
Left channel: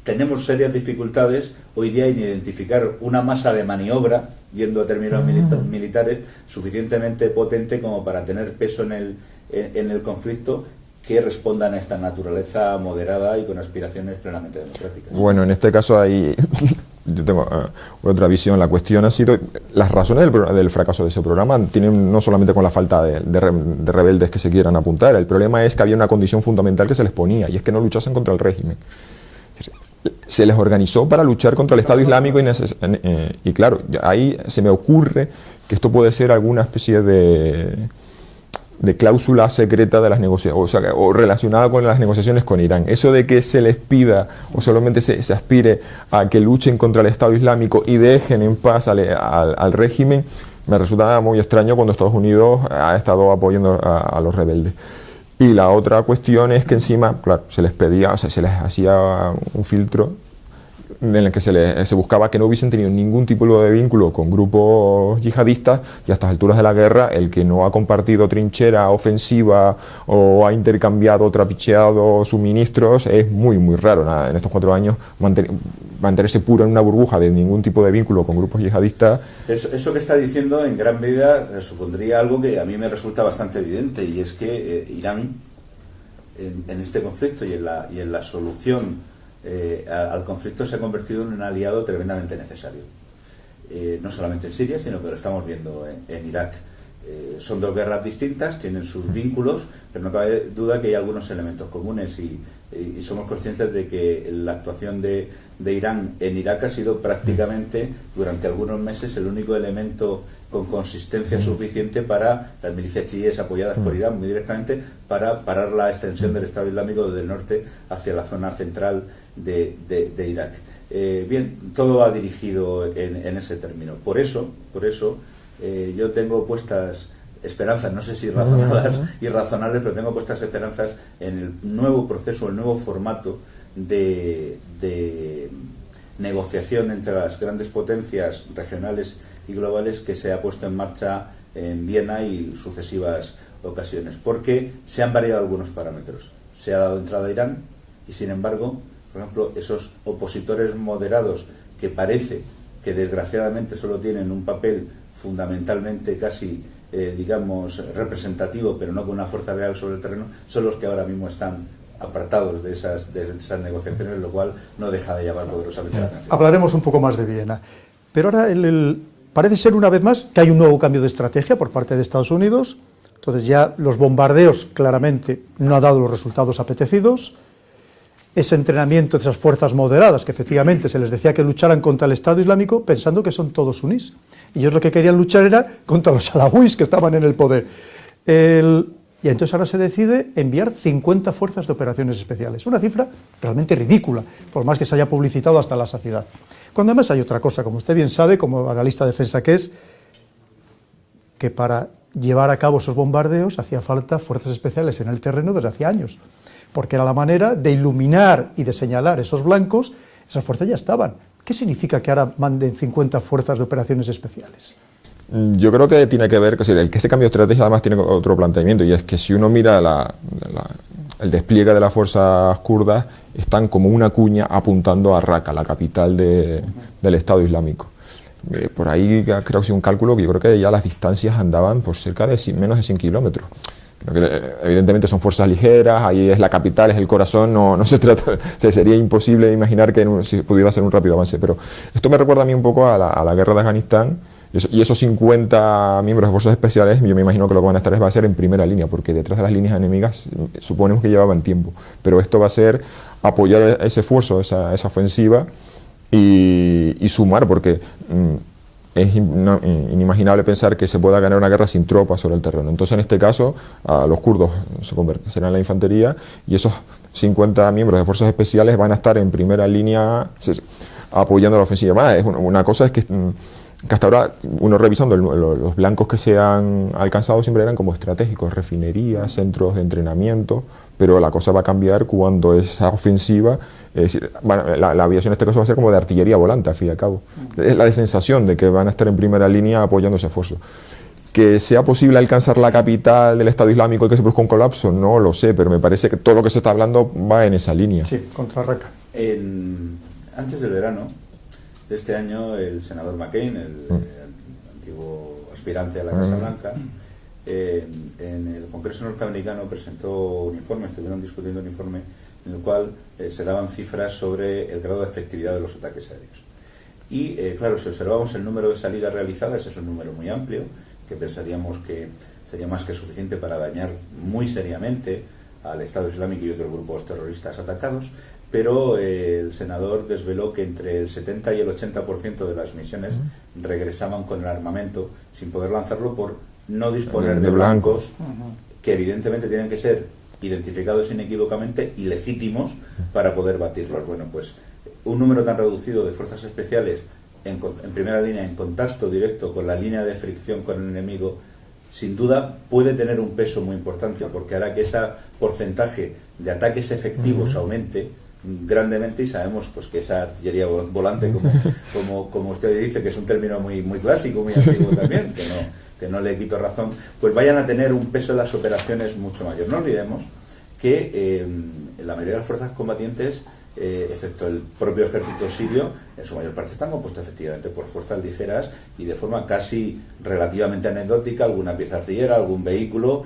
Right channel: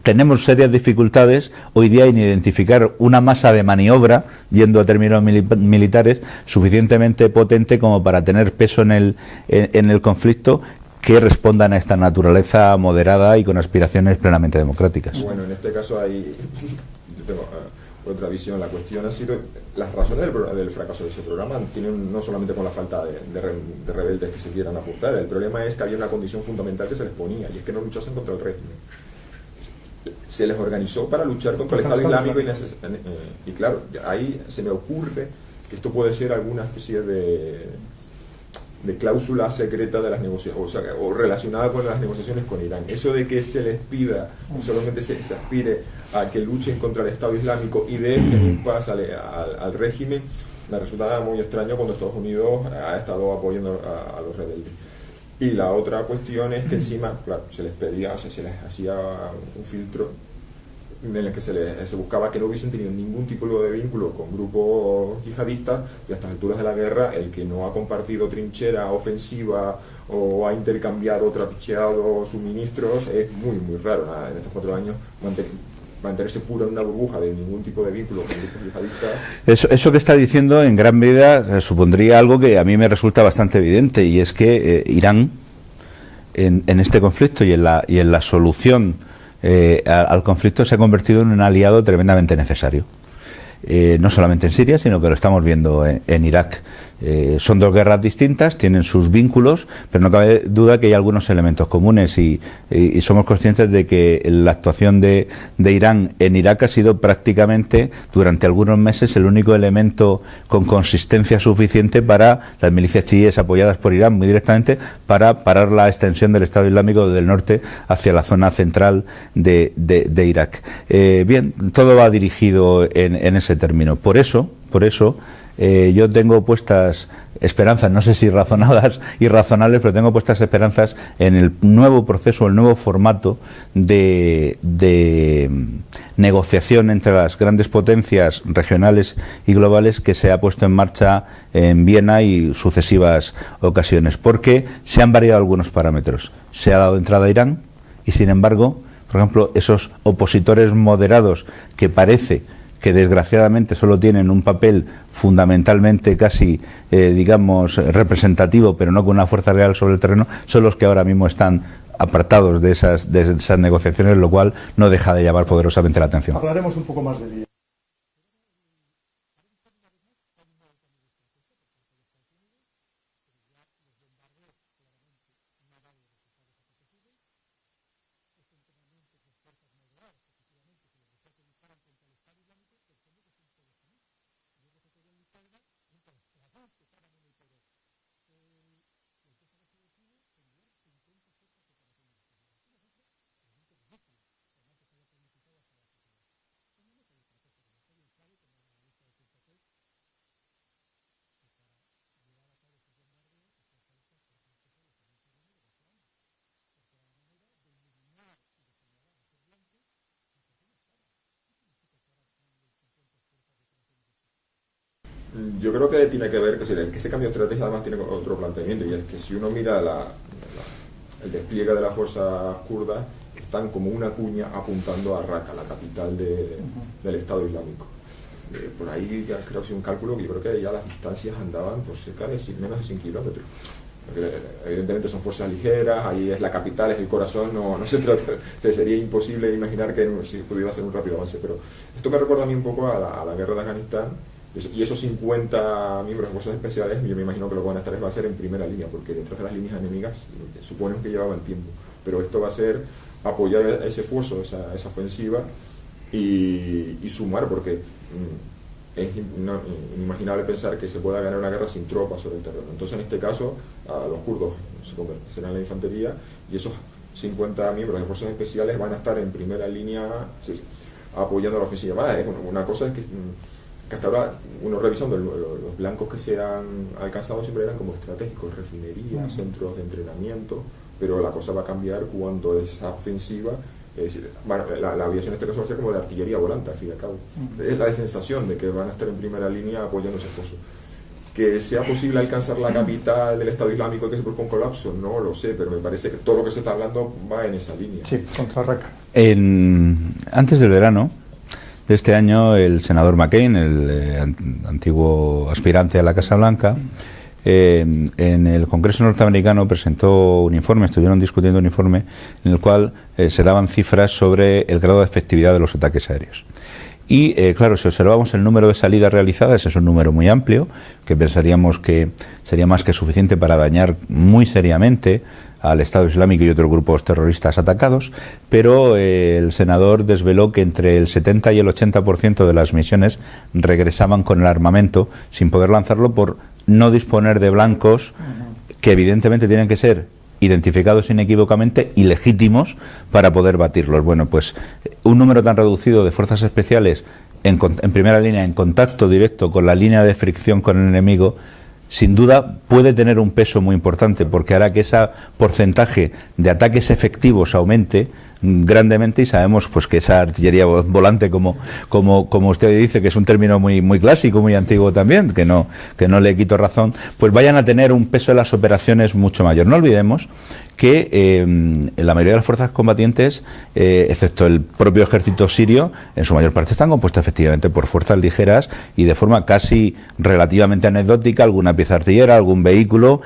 tenemos serias dificultades hoy día en identificar una masa de maniobra, yendo a términos militares, suficientemente potente como para tener peso en el conflicto, que respondan a esta naturaleza moderada y con aspiraciones plenamente democráticas. Bueno, en este caso hay yo tengo otra visión. La cuestión ha sido, las razones del fracaso de ese programa tienen no solamente con la falta de rebeldes que se quieran apuntar, el problema es que había una condición fundamental que se les ponía, y es que no luchasen contra el régimen. Se les organizó para luchar contra el Estado Islámico y claro, ahí se me ocurre que esto puede ser alguna especie de cláusula secreta de las negociaciones, o relacionada con las negociaciones con Irán. Eso de que se les pida o solamente se aspire a que luchen contra el Estado Islámico y dejen en paz al régimen, me resulta muy extraño cuando Estados Unidos ha estado apoyando a los rebeldes. Y la otra cuestión es que encima, claro, se les pedía, o sea, se les hacía un filtro en el que se buscaba que no hubiesen tenido ningún tipo de vínculo con grupos yihadistas, y a estas alturas de la guerra el que no ha compartido trinchera ofensiva o ha intercambiado, trapicheado suministros es muy muy raro. Nada, en estos 4 años mantenerse puro en una burbuja de ningún tipo de vínculo con grupos yihadistas. Eso que está diciendo en gran medida supondría algo que a mí me resulta bastante evidente, y es que Irán en este conflicto y en la solución al conflicto se ha convertido en un aliado tremendamente necesario. No solamente en Siria, sino que lo estamos viendo en Irak. Son 2 guerras distintas, tienen sus vínculos, pero no cabe duda que hay algunos elementos comunes y somos conscientes de que la actuación de Irán en Irak ha sido prácticamente durante algunos meses el único elemento con consistencia suficiente para las milicias chiíes apoyadas por Irán muy directamente para parar la extensión del Estado Islámico desde el norte hacia la zona central de Irak. Bien, todo va dirigido en ese término. Por eso yo tengo puestas esperanzas, no sé si razonadas y razonables, pero tengo puestas esperanzas en el nuevo proceso, el nuevo formato de negociación entre las grandes potencias regionales y globales que se ha puesto en marcha en Viena y sucesivas ocasiones, porque se han variado algunos parámetros. Se ha dado entrada a Irán y, sin embargo, por ejemplo, esos opositores moderados que parece que desgraciadamente solo tienen un papel fundamentalmente casi, digamos, representativo, pero no con una fuerza real sobre el terreno, son los que ahora mismo están apartados de esas negociaciones, lo cual no deja de llamar poderosamente la atención. Hablaremos un poco más de Viena. Pero ahora parece ser una vez más que hay un nuevo cambio de estrategia por parte de Estados Unidos. Entonces ya los bombardeos claramente no han dado los resultados apetecidos. Ese entrenamiento de esas fuerzas moderadas, que efectivamente se les decía que lucharan contra el Estado Islámico pensando que son todos sunís. Y ellos lo que querían luchar era contra los alawíes que estaban en el poder. Y entonces ahora se decide enviar 50 fuerzas de operaciones especiales. Una cifra realmente ridícula, por más que se haya publicitado hasta la saciedad. Cuando además hay otra cosa, como usted bien sabe, como analista de defensa que es, que para llevar a cabo esos bombardeos hacía falta fuerzas especiales en el terreno desde hacía años, porque era la manera de iluminar y de señalar esos blancos. Esas fuerzas ya estaban. ¿Qué significa que ahora manden 50 fuerzas de operaciones especiales? Yo creo que tiene que ver, que ese cambio de estrategia además tiene otro planteamiento, y es que si uno mira el despliegue de las fuerzas kurdas, están como una cuña apuntando a Raqqa, la capital del Estado Islámico. Por ahí creo que es un cálculo que yo creo que ya las distancias andaban por cerca de menos de 100 kilómetros. Evidentemente son fuerzas ligeras, ahí es la capital, es el corazón, no se trata, sería imposible imaginar que si pudiera ser un rápido avance, pero esto me recuerda a mí un poco a la guerra de Afganistán, y esos 50 miembros de fuerzas especiales, yo me imagino que lo que van a estar va a ser en primera línea, porque detrás de las líneas enemigas suponemos que llevaban tiempo, pero esto va a ser apoyar ese esfuerzo, esa ofensiva y sumar, porque es inimaginable pensar que se pueda ganar una guerra sin tropas sobre el terreno. Entonces, en este caso, los kurdos serán la infantería, y esos 50 miembros de fuerzas especiales van a estar en primera línea apoyando la ofensiva. Es una cosa es que hasta ahora, uno revisando los blancos que se han alcanzado siempre eran como estratégicos, refinerías, centros de entrenamiento, pero la cosa va a cambiar cuando esa ofensiva, es decir, la aviación en este caso va a ser como de artillería volante, al fin y al cabo. Es la sensación de que van a estar en primera línea apoyando ese esfuerzo. Que sea posible alcanzar la capital del Estado Islámico y que se produzca un colapso, no lo sé, pero me parece que todo lo que se está hablando va en esa línea. Sí, contra Raqqa. Antes del verano de este año, el senador McCain, el antiguo aspirante a la Casa Blanca, en el Congreso norteamericano presentó un informe, estuvieron discutiendo un informe en el cual se daban cifras sobre el grado de efectividad de los ataques aéreos. Y claro, si observamos el número de salidas realizadas, es un número muy amplio, que pensaríamos que sería más que suficiente para dañar muy seriamente al Estado Islámico y otros grupos terroristas atacados, pero el senador desveló que entre el 70 y el 80% de las misiones regresaban con el armamento sin poder lanzarlo por no disponer de blancos que evidentemente tienen que ser identificados inequívocamente y legítimos para poder batirlos. Bueno, pues un número tan reducido de fuerzas especiales en primera línea, en contacto directo con la línea de fricción con el enemigo, sin duda puede tener un peso muy importante, porque hará que ese porcentaje de ataques efectivos aumente grandemente, y sabemos pues que esa artillería volante, como usted dice, que es un término muy clásico, muy antiguo también, que no le quito razón, pues vayan a tener un peso en las operaciones mucho mayor. No olvidemos que la mayoría de las fuerzas combatientes, excepto el propio ejército sirio, en su mayor parte están compuestas efectivamente por fuerzas ligeras y de forma casi relativamente anecdótica, alguna pieza artillera, algún vehículo,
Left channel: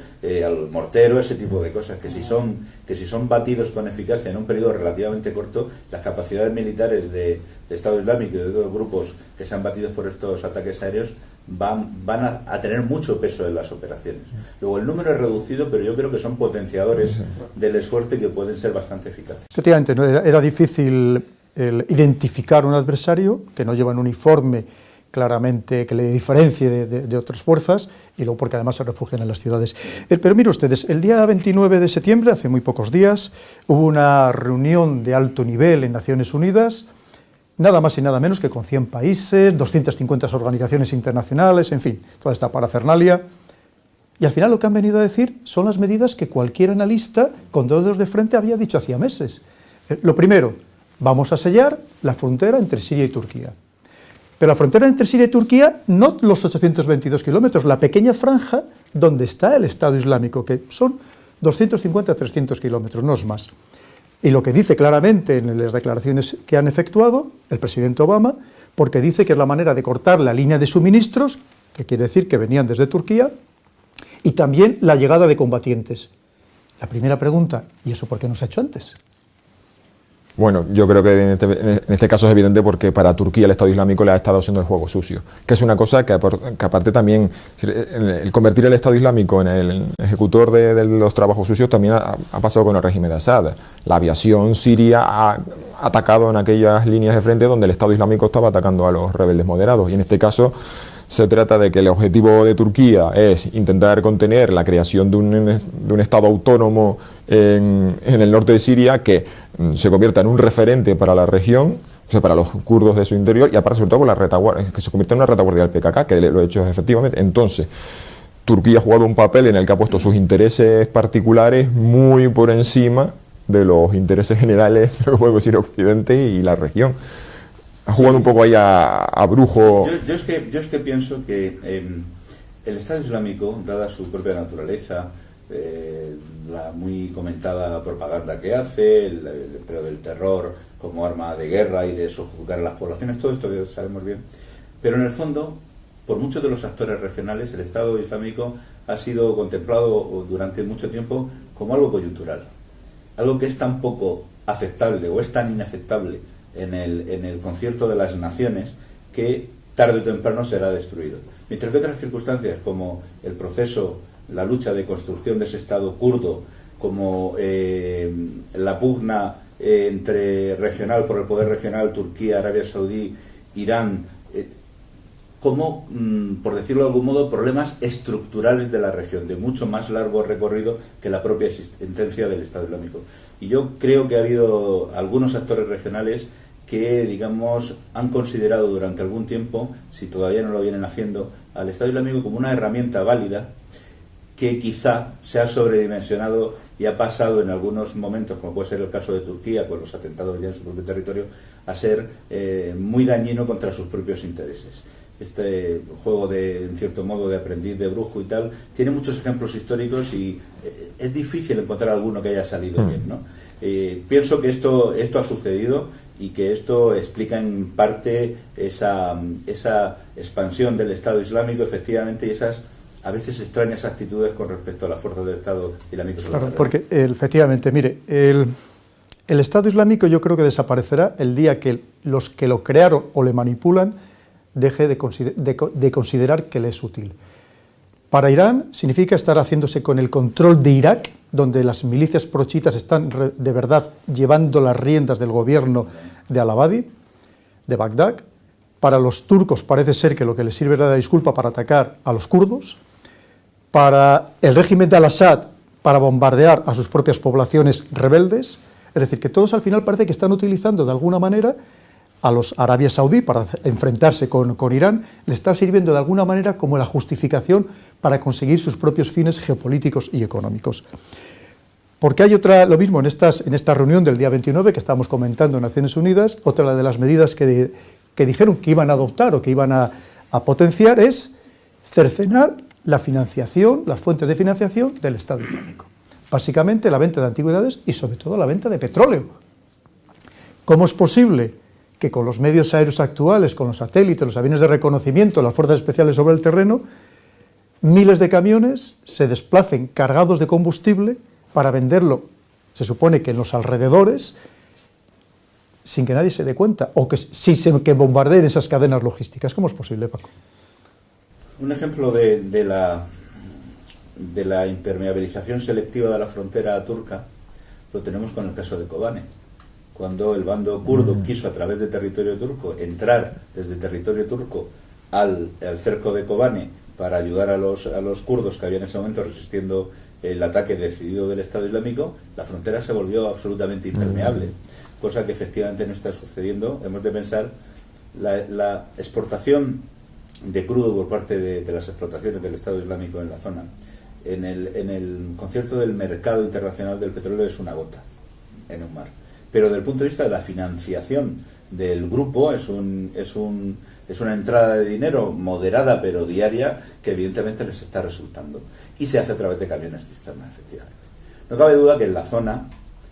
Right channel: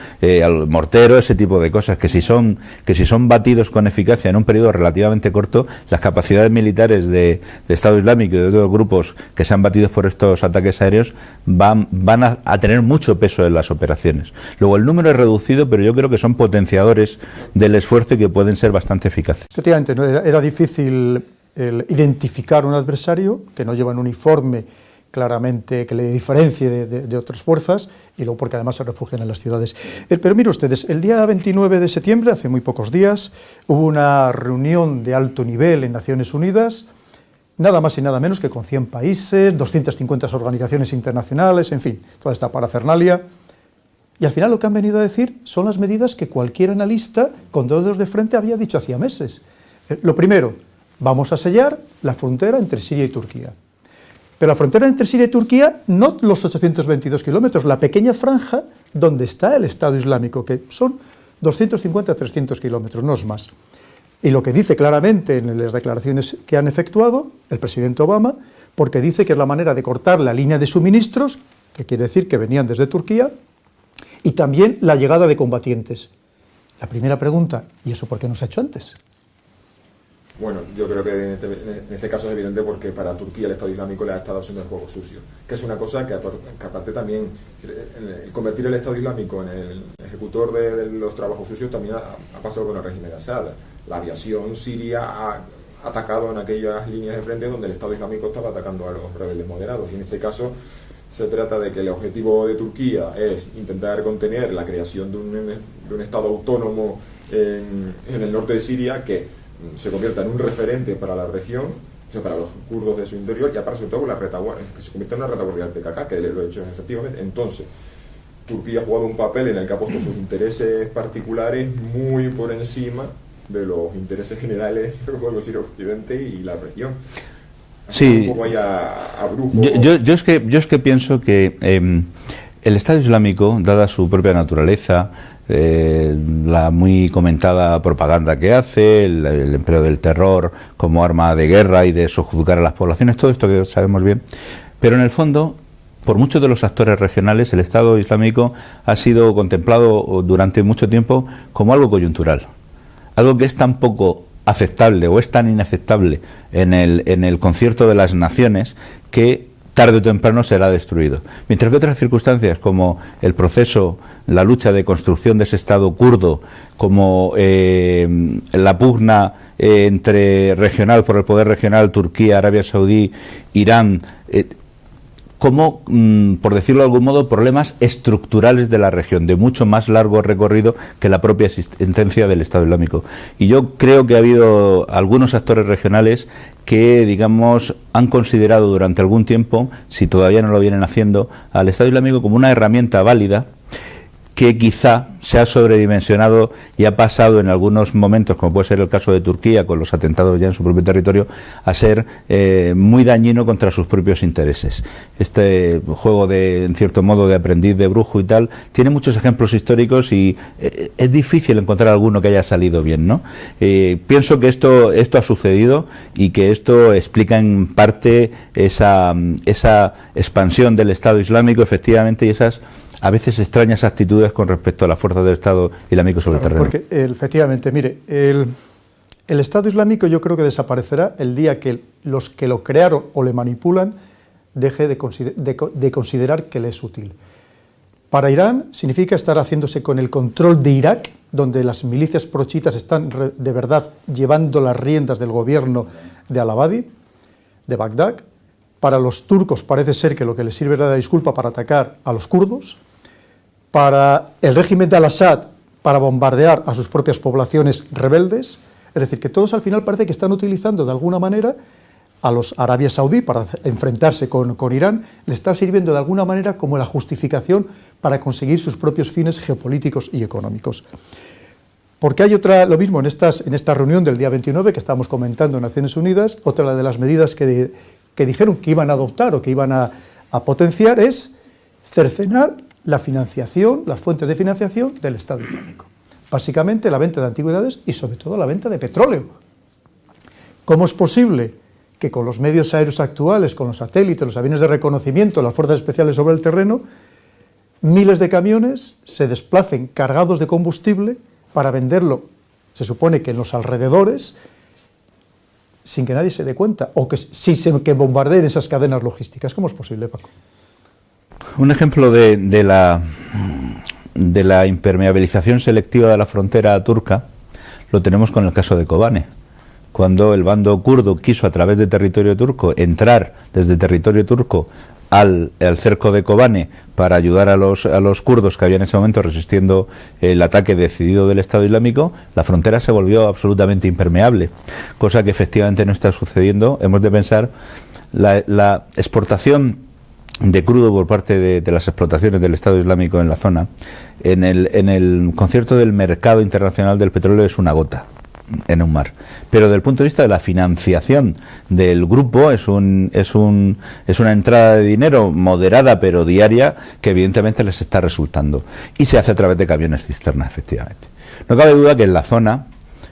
mortero, ese tipo de cosas, que si son batidos con eficacia en un periodo relativamente corto, las capacidades militares de Estado Islámico y de otros grupos que se han batido por estos ataques aéreos van a tener mucho peso en las operaciones. Luego, el número es reducido, pero yo creo que son potenciadores del esfuerzo y que pueden ser bastante eficaces. Efectivamente, ¿no? Era difícil identificar un adversario que no lleva un uniforme claramente que le diferencie de otras fuerzas, y luego porque además se refugian en las ciudades. Pero miren ustedes, el día 29 de septiembre, hace muy pocos días, hubo una reunión de alto nivel en Naciones Unidas, nada más y nada menos que con 100 países, 250 organizaciones internacionales, en fin, toda esta parafernalia. Y al final lo que han venido a decir son las medidas que cualquier analista con dos dedos de frente había dicho hacía meses. Lo primero, vamos a sellar la frontera entre Siria y Turquía. Pero la frontera entre Siria y Turquía, no los 822 kilómetros, la pequeña franja donde está el Estado Islámico, que son 250 a 300 kilómetros, no es más. Y lo que dice claramente en las declaraciones que han efectuado el presidente Obama, porque dice que es la manera de cortar la línea de suministros, que quiere decir que venían desde Turquía, y también la llegada de combatientes. La primera pregunta, ¿y eso por qué no se ha hecho antes? Bueno, yo creo que en este caso es evidente porque para Turquía el Estado Islámico le ha estado haciendo el juego sucio, que es una cosa que aparte también, el convertir el Estado Islámico en el ejecutor de los trabajos sucios también ha pasado con el régimen de Assad. La aviación siria ha atacado en aquellas líneas de frente donde el Estado Islámico estaba atacando a los rebeldes moderados, y en este caso se trata de que el objetivo de Turquía es intentar contener la creación de un Estado autónomo en el norte de Siria que se convierta en un referente para la región, o sea, para los kurdos de su interior, y aparte sobre todo con la retaguardia, que se convierta en una retaguardia del PKK, que lo ha hecho efectivamente. Entonces, Turquía ha jugado un papel en el que ha puesto sus intereses particulares muy por encima de los intereses generales, lo que podemos decir, Occidente y la región. Ha jugado un poco ahí a brujo. Yo es que pienso que el Estado Islámico, dada su propia naturaleza, la muy comentada propaganda que hace, el empleo del terror como arma de guerra y de sojuzgar a las poblaciones, todo esto que sabemos bien, pero en el fondo, por muchos de los actores regionales, el Estado Islámico ha sido contemplado durante mucho tiempo como algo coyuntural, algo que es tan poco aceptable o es tan inaceptable en el concierto de las naciones que tarde o temprano será destruido. Mientras que otras circunstancias como el proceso, la lucha de construcción de ese Estado kurdo, como la pugna entre regional por el poder regional, Turquía, Arabia Saudí, Irán, como, por decirlo de algún modo, problemas estructurales de la región, de mucho más largo recorrido que la propia existencia del Estado Islámico. Y yo creo que ha habido algunos actores regionales que, digamos, han considerado durante algún tiempo, si todavía no lo vienen haciendo, al Estado Islámico como una herramienta válida que quizá se ha sobredimensionado y ha pasado en algunos momentos, como puede ser el caso de Turquía, con los atentados ya en su propio territorio, a ser muy dañino contra sus propios intereses. Este juego de, en cierto modo, de aprendiz de brujo y tal, tiene muchos ejemplos históricos y es difícil encontrar alguno que haya salido bien, ¿no? Pienso que esto ha sucedido y que esto explica en parte esa expansión del Estado Islámico, efectivamente, y esas a veces extrañas actitudes con respecto a la fuerza del Estado Islámico sobre el terreno. Porque efectivamente, mire, el Estado Islámico yo creo que desaparecerá el día que los que lo crearon o le manipulan deje de considerar que le es útil. Para Irán significa estar haciéndose con el control de Irak, donde las milicias prochitas están de verdad llevando las riendas del gobierno de al-Abadi, de Bagdad. Para los turcos parece ser que lo que les sirve es la disculpa para atacar a los kurdos. Para el régimen de al-Assad, para bombardear a sus propias poblaciones rebeldes. Es decir, que todos al final parece que están utilizando de alguna manera a los Arabia Saudí para enfrentarse con Irán, le está sirviendo de alguna manera como la justificación para conseguir sus propios fines geopolíticos y económicos. Porque hay lo mismo en esta reunión del día 29 que estábamos comentando en Naciones Unidas, otra de las medidas que dijeron que iban a adoptar o que iban a potenciar es cercenar la financiación, las fuentes de financiación del Estado Islámico. Básicamente la venta de antigüedades y sobre todo la venta de petróleo. ¿Cómo es posible que con los medios aéreos actuales, con los satélites, los aviones de reconocimiento, las fuerzas especiales sobre el terreno, miles de camiones se desplacen cargados de combustible para venderlo, se supone que en los alrededores, sin que nadie se dé cuenta, o que bombardeen esas cadenas logísticas? ¿Cómo es posible, Paco? Un ejemplo de la impermeabilización selectiva de la frontera turca lo tenemos con el caso de Kobane. Cuando el bando kurdo quiso, a través de territorio turco, entrar desde territorio turco al cerco de Kobane para ayudar a los kurdos que habían en ese momento resistiendo el ataque decidido del Estado Islámico, la frontera se volvió absolutamente impermeable, cosa que efectivamente no está sucediendo. Hemos de pensar la exportación de crudo por parte de las explotaciones del Estado Islámico en la zona, en el concierto del mercado internacional del petróleo es una gota en un mar. Pero desde el punto de vista de la financiación del grupo es una entrada de dinero moderada pero diaria que evidentemente les está resultando. Y se hace a través de camiones cisterna, efectivamente. No cabe duda que en la zona,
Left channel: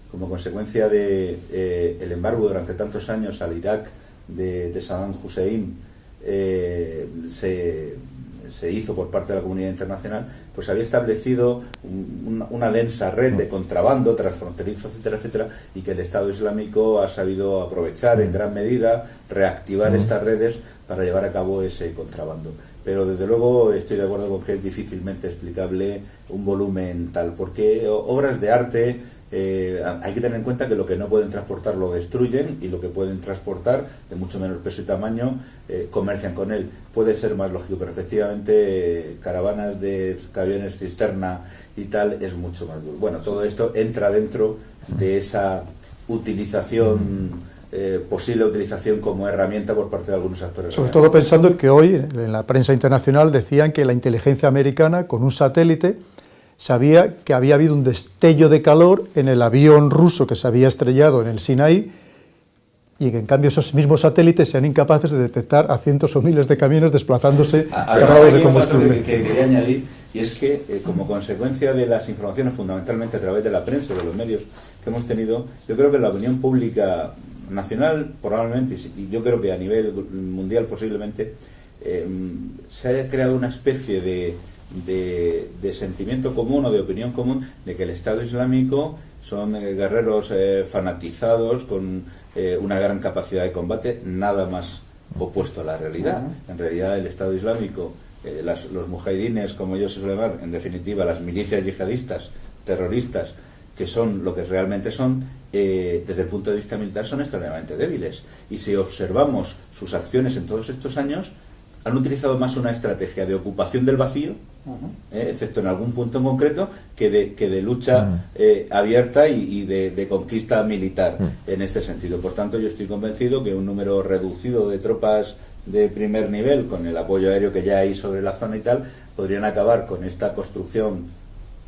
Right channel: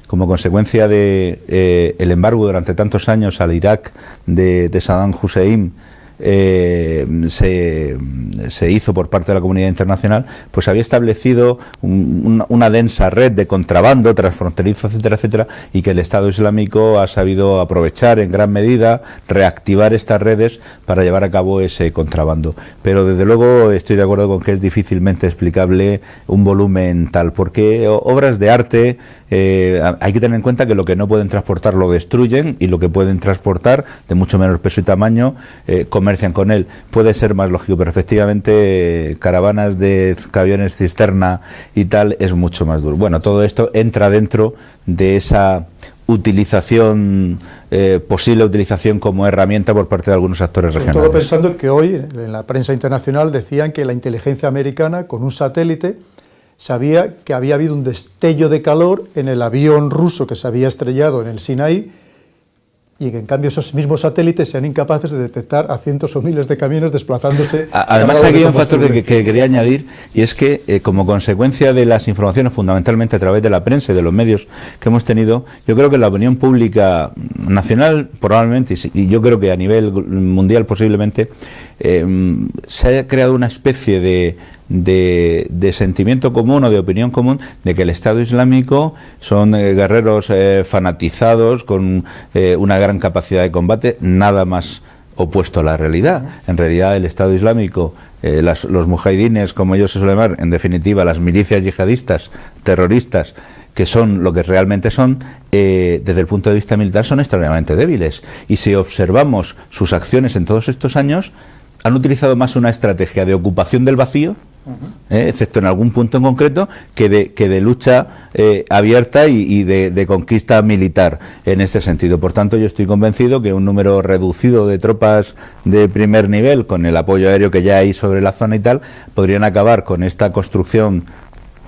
como consecuencia de el embargo durante tantos años al Irak de Saddam Hussein, se hizo por parte de la comunidad internacional, pues había establecido una densa red de contrabando transfronterizo, etcétera, etcétera, y que el Estado Islámico ha sabido aprovechar en gran medida, reactivar estas redes para llevar a cabo ese contrabando. Pero desde luego estoy de acuerdo con que es difícilmente explicable un volumen tal, porque obras de arte, hay que tener en cuenta que lo que no pueden transportar lo destruyen, y lo que pueden transportar, de mucho menor peso y tamaño, comercian con él. Puede ser más lógico, pero efectivamente caravanas de camiones cisterna y tal es mucho más duro. Bueno, todo esto entra dentro de esa utilización, posible utilización como herramienta por parte de algunos actores regionales. Sobre todo pensando que hoy en la prensa internacional decían que la inteligencia americana, con un satélite, sabía que había habido un destello de calor en el avión ruso que se había estrellado en el Sinaí, y que en cambio esos mismos satélites sean incapaces de detectar a cientos o miles de camiones desplazándose cargados de combustible. Un factor que quería añadir, y es que como consecuencia de las informaciones, fundamentalmente a través de la prensa y de los medios que hemos tenido, yo creo que la opinión pública nacional probablemente, y yo creo que a nivel mundial posiblemente, se ha creado una especie de sentimiento común o de opinión común de que el Estado Islámico son guerreros fanatizados con una gran capacidad de combate, nada más opuesto a la realidad. En realidad el Estado Islámico, los mujahidines, como ellos se suelen llamar, en definitiva las milicias yihadistas, terroristas, que son lo que realmente son, desde el punto de vista militar son extraordinariamente débiles, y si observamos sus acciones en todos estos años, han utilizado más una estrategia de ocupación del vacío, excepto en algún punto en concreto, que de lucha abierta y de conquista militar en este sentido. Por tanto, yo estoy convencido que un número reducido de tropas de primer nivel, con el apoyo aéreo que ya hay sobre la zona y tal, podrían acabar con esta construcción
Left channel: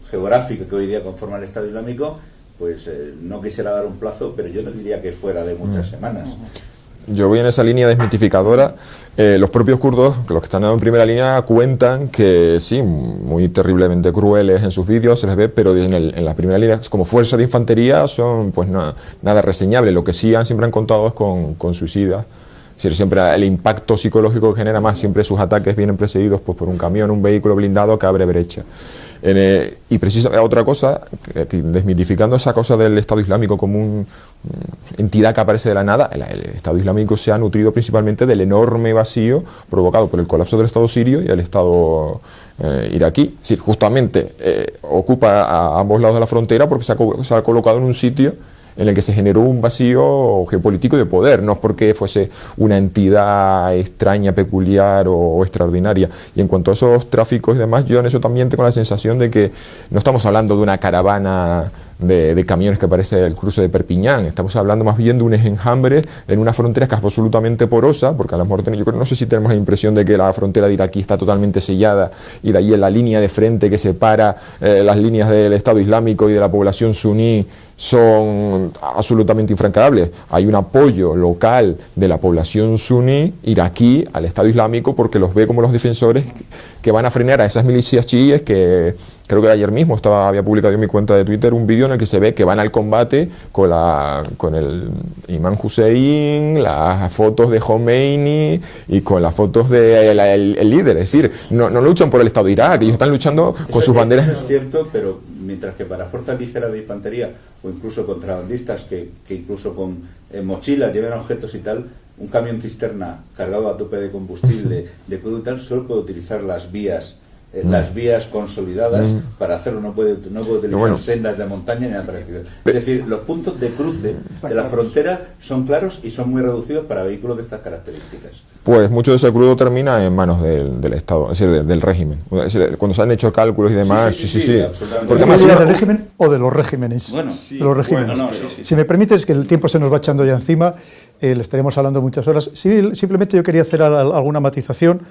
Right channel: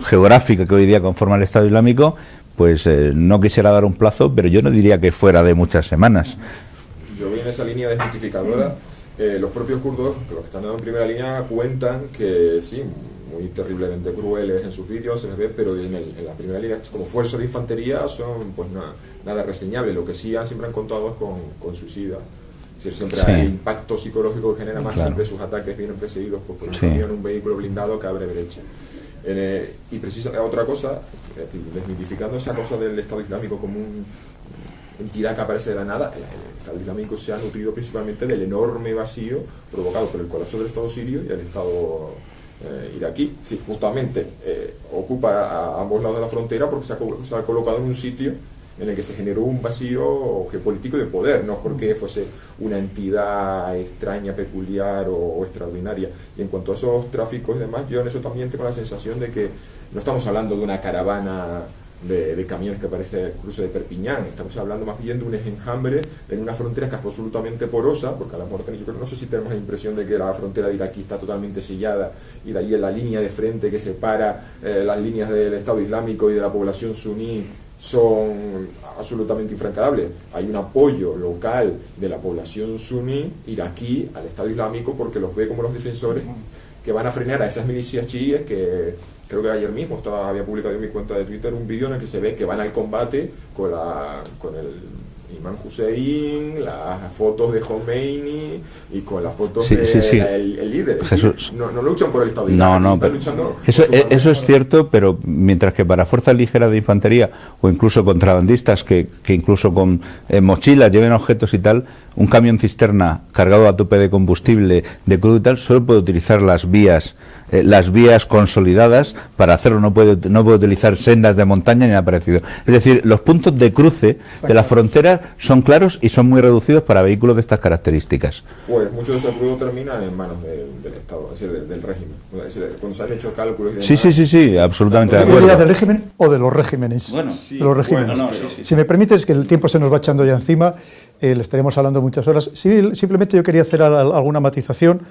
geográfica que hoy día conforma el Estado Islámico. Pues no quisiera dar un plazo, pero yo no diría que fuera de muchas semanas. Yo voy en esa línea desmitificadora. Los propios kurdos, los que están en primera línea, cuentan que sí, muy terriblemente crueles en sus vídeos, se les ve, pero en la primera línea, como fuerza de infantería, son pues nada reseñable. Lo que sí siempre han contado es con suicidas. Es decir, siempre el impacto psicológico que genera más, siempre sus ataques vienen precedidos pues, por un camión, un vehículo blindado que abre brecha. Y precisamente otra cosa, desmitificando esa cosa del Estado Islámico como una entidad que aparece de la nada, el Estado Islámico se ha nutrido principalmente del enorme vacío provocado por el colapso del Estado sirio y el Estado iraquí. Es decir, justamente ocupa a ambos lados de la frontera porque se ha colocado en un sitio en el que se generó un vacío geopolítico de poder, no es porque fuese una entidad extraña, peculiar o extraordinaria. Y en cuanto a esos tráficos y demás, yo en eso también tengo la sensación de que no estamos hablando de una caravana de camiones que parece el cruce de Perpiñán, estamos hablando más bien de un enjambre en una frontera que es absolutamente porosa, porque a lo mejor yo no sé si tenemos la impresión de que la frontera de Iraquí está totalmente sellada y de ahí en la línea de frente que separa las líneas del Estado Islámico y de la población suní son absolutamente infranqueables. Hay un apoyo local de la población suní iraquí al Estado Islámico porque los ve como los defensores que van a frenar a esas milicias chiíes que creo que ayer mismo había publicado en mi cuenta de Twitter un vídeo en el que se ve que van al combate con el imán Hussein, las fotos de Khomeini y con las fotos del líder. Es decir, no luchan por el Estado iraquí, están luchando con sus banderas. Eso es cierto, pero mientras que para fuerzas ligeras de infantería o incluso contrabandistas que incluso con mochilas lleven objetos y tal, un camión cisterna cargado a tope de combustible, de crudo y tal, solo puede utilizar las vías consolidadas para hacerlo, no puede utilizar sendas de montaña ni nada parecido. Es decir, los puntos de cruce de la frontera son claros y son muy reducidos para vehículos de estas características. Pues mucho de ese crudo termina en manos del Estado, es decir, del régimen. Es decir, cuando se han hecho cálculos y demás... Sí, absolutamente. ¿Del régimen o de los regímenes? Bueno, de los regímenes. Si me permites, que el tiempo se nos va echando ya encima, le estaremos hablando muchas horas. Sí, simplemente yo quería hacer alguna matización.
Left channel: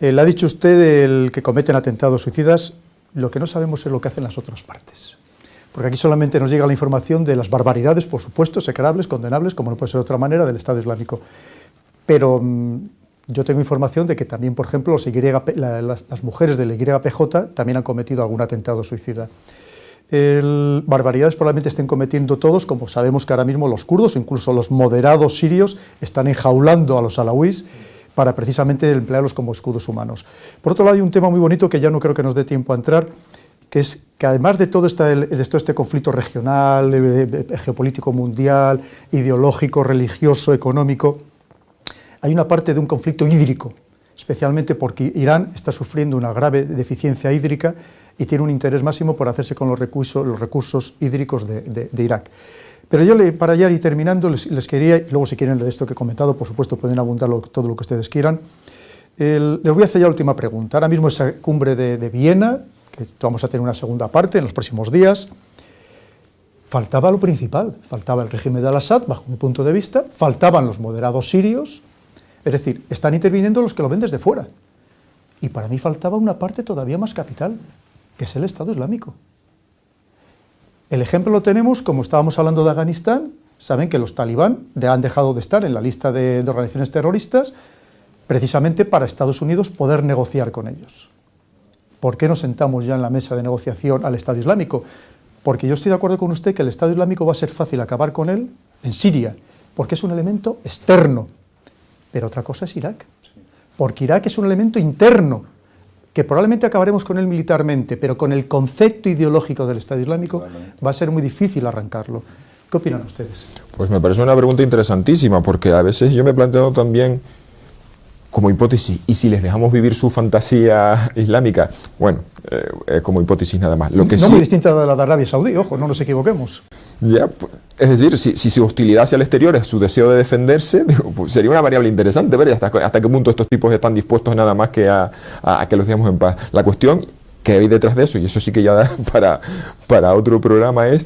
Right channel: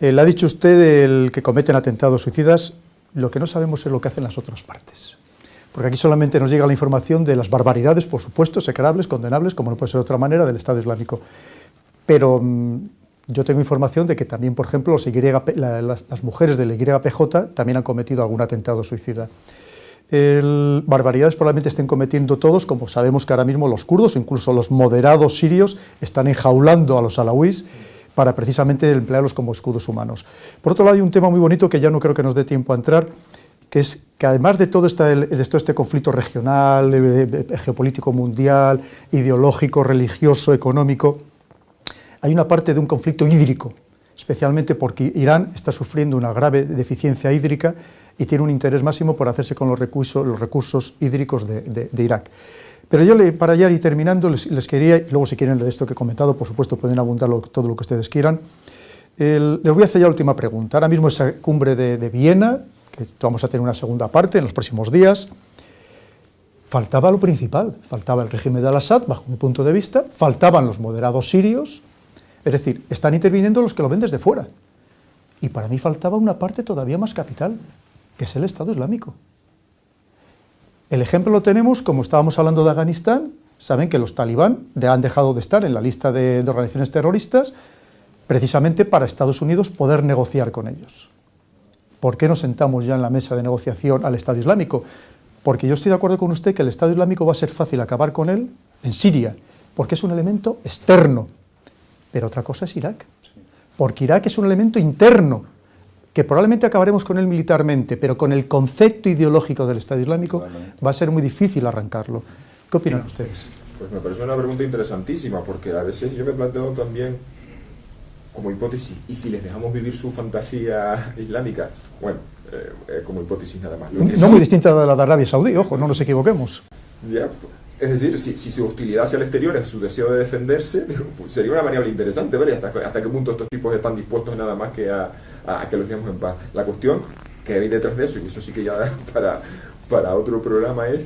Le ha dicho usted el que cometen atentados suicidas, lo que no sabemos es lo que hacen las otras partes. Porque aquí solamente nos llega la información de las barbaridades, por supuesto, execrables, condenables, como no puede ser de otra manera, del Estado Islámico. Pero yo tengo información de que también, por ejemplo, las mujeres de la YPJ también han cometido algún atentado suicida. Barbaridades probablemente estén cometiendo todos, como sabemos que ahora mismo los kurdos, incluso los moderados sirios, están enjaulando a los alawíes, para precisamente emplearlos como escudos humanos. Por otro lado, hay un tema muy bonito que ya no creo que nos dé tiempo a entrar, que es que además de todo este conflicto regional, geopolítico mundial, ideológico, religioso, económico, hay una parte de un conflicto hídrico, especialmente porque Irán está sufriendo una grave deficiencia hídrica y tiene un interés máximo por hacerse con los recursos hídricos de Irak. Pero yo, para ya ir terminando, les quería, y luego si quieren de esto que he comentado, por supuesto pueden abundar todo lo que ustedes quieran, les voy a hacer ya la última pregunta. Ahora mismo esa cumbre de Viena, que vamos a tener una segunda parte en los próximos días, faltaba lo principal, faltaba el régimen de Al-Assad, bajo mi punto de vista, faltaban los moderados sirios, es decir, están interviniendo los que lo ven desde fuera. Y para mí faltaba una parte todavía más capital, que es el Estado Islámico. El ejemplo lo tenemos, como estábamos hablando de Afganistán, saben que los talibán han dejado de estar en la lista de organizaciones terroristas precisamente para Estados Unidos poder negociar con ellos. ¿Por qué no sentamos ya en la mesa de negociación al Estado Islámico? Porque yo estoy de acuerdo con usted que el Estado Islámico va a ser fácil acabar con él en Siria, porque es un elemento externo, pero otra cosa es Irak, porque Irak es un elemento interno, que probablemente acabaremos con él militarmente, pero con el concepto ideológico del Estado Islámico va a ser muy difícil arrancarlo. ¿Qué opinan ustedes? Pues me parece una pregunta interesantísima, porque a veces yo me he planteado también como hipótesis, ¿y si les dejamos vivir su fantasía islámica? Bueno, como hipótesis nada más. Lo que no muy distinta de la de Arabia Saudí, ojo, no nos equivoquemos. Ya, es decir, si su hostilidad hacia el exterior es su deseo de defenderse, digo, pues sería una variable interesante ver hasta qué punto estos tipos están dispuestos nada más que a que los dejemos en paz. La cuestión que hay detrás de eso, y eso sí que ya da para otro programa, es:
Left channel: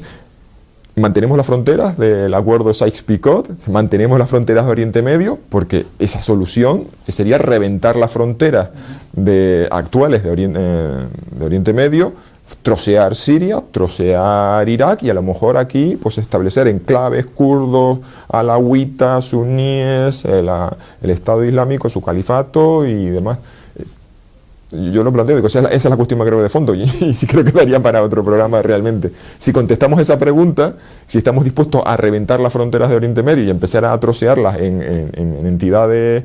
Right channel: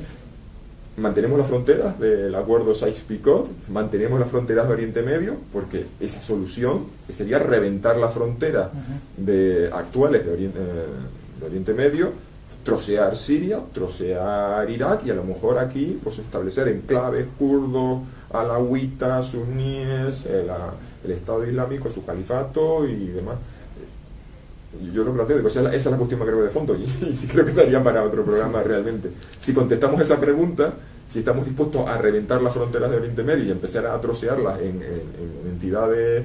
mantenemos las fronteras del acuerdo Sykes-Picot, mantenemos las fronteras de Oriente Medio, porque esa solución sería reventar las fronteras actuales de Oriente Medio, trocear Siria, trocear Irak y a lo mejor aquí pues establecer enclaves kurdos, alawitas, suníes, el Estado Islámico, su califato y demás. Yo lo planteo, digo, esa es la cuestión más grave de fondo y sí creo que daría para otro programa realmente. Si contestamos esa pregunta, si estamos dispuestos a reventar las fronteras de Oriente Medio y empezar a trocearlas en entidades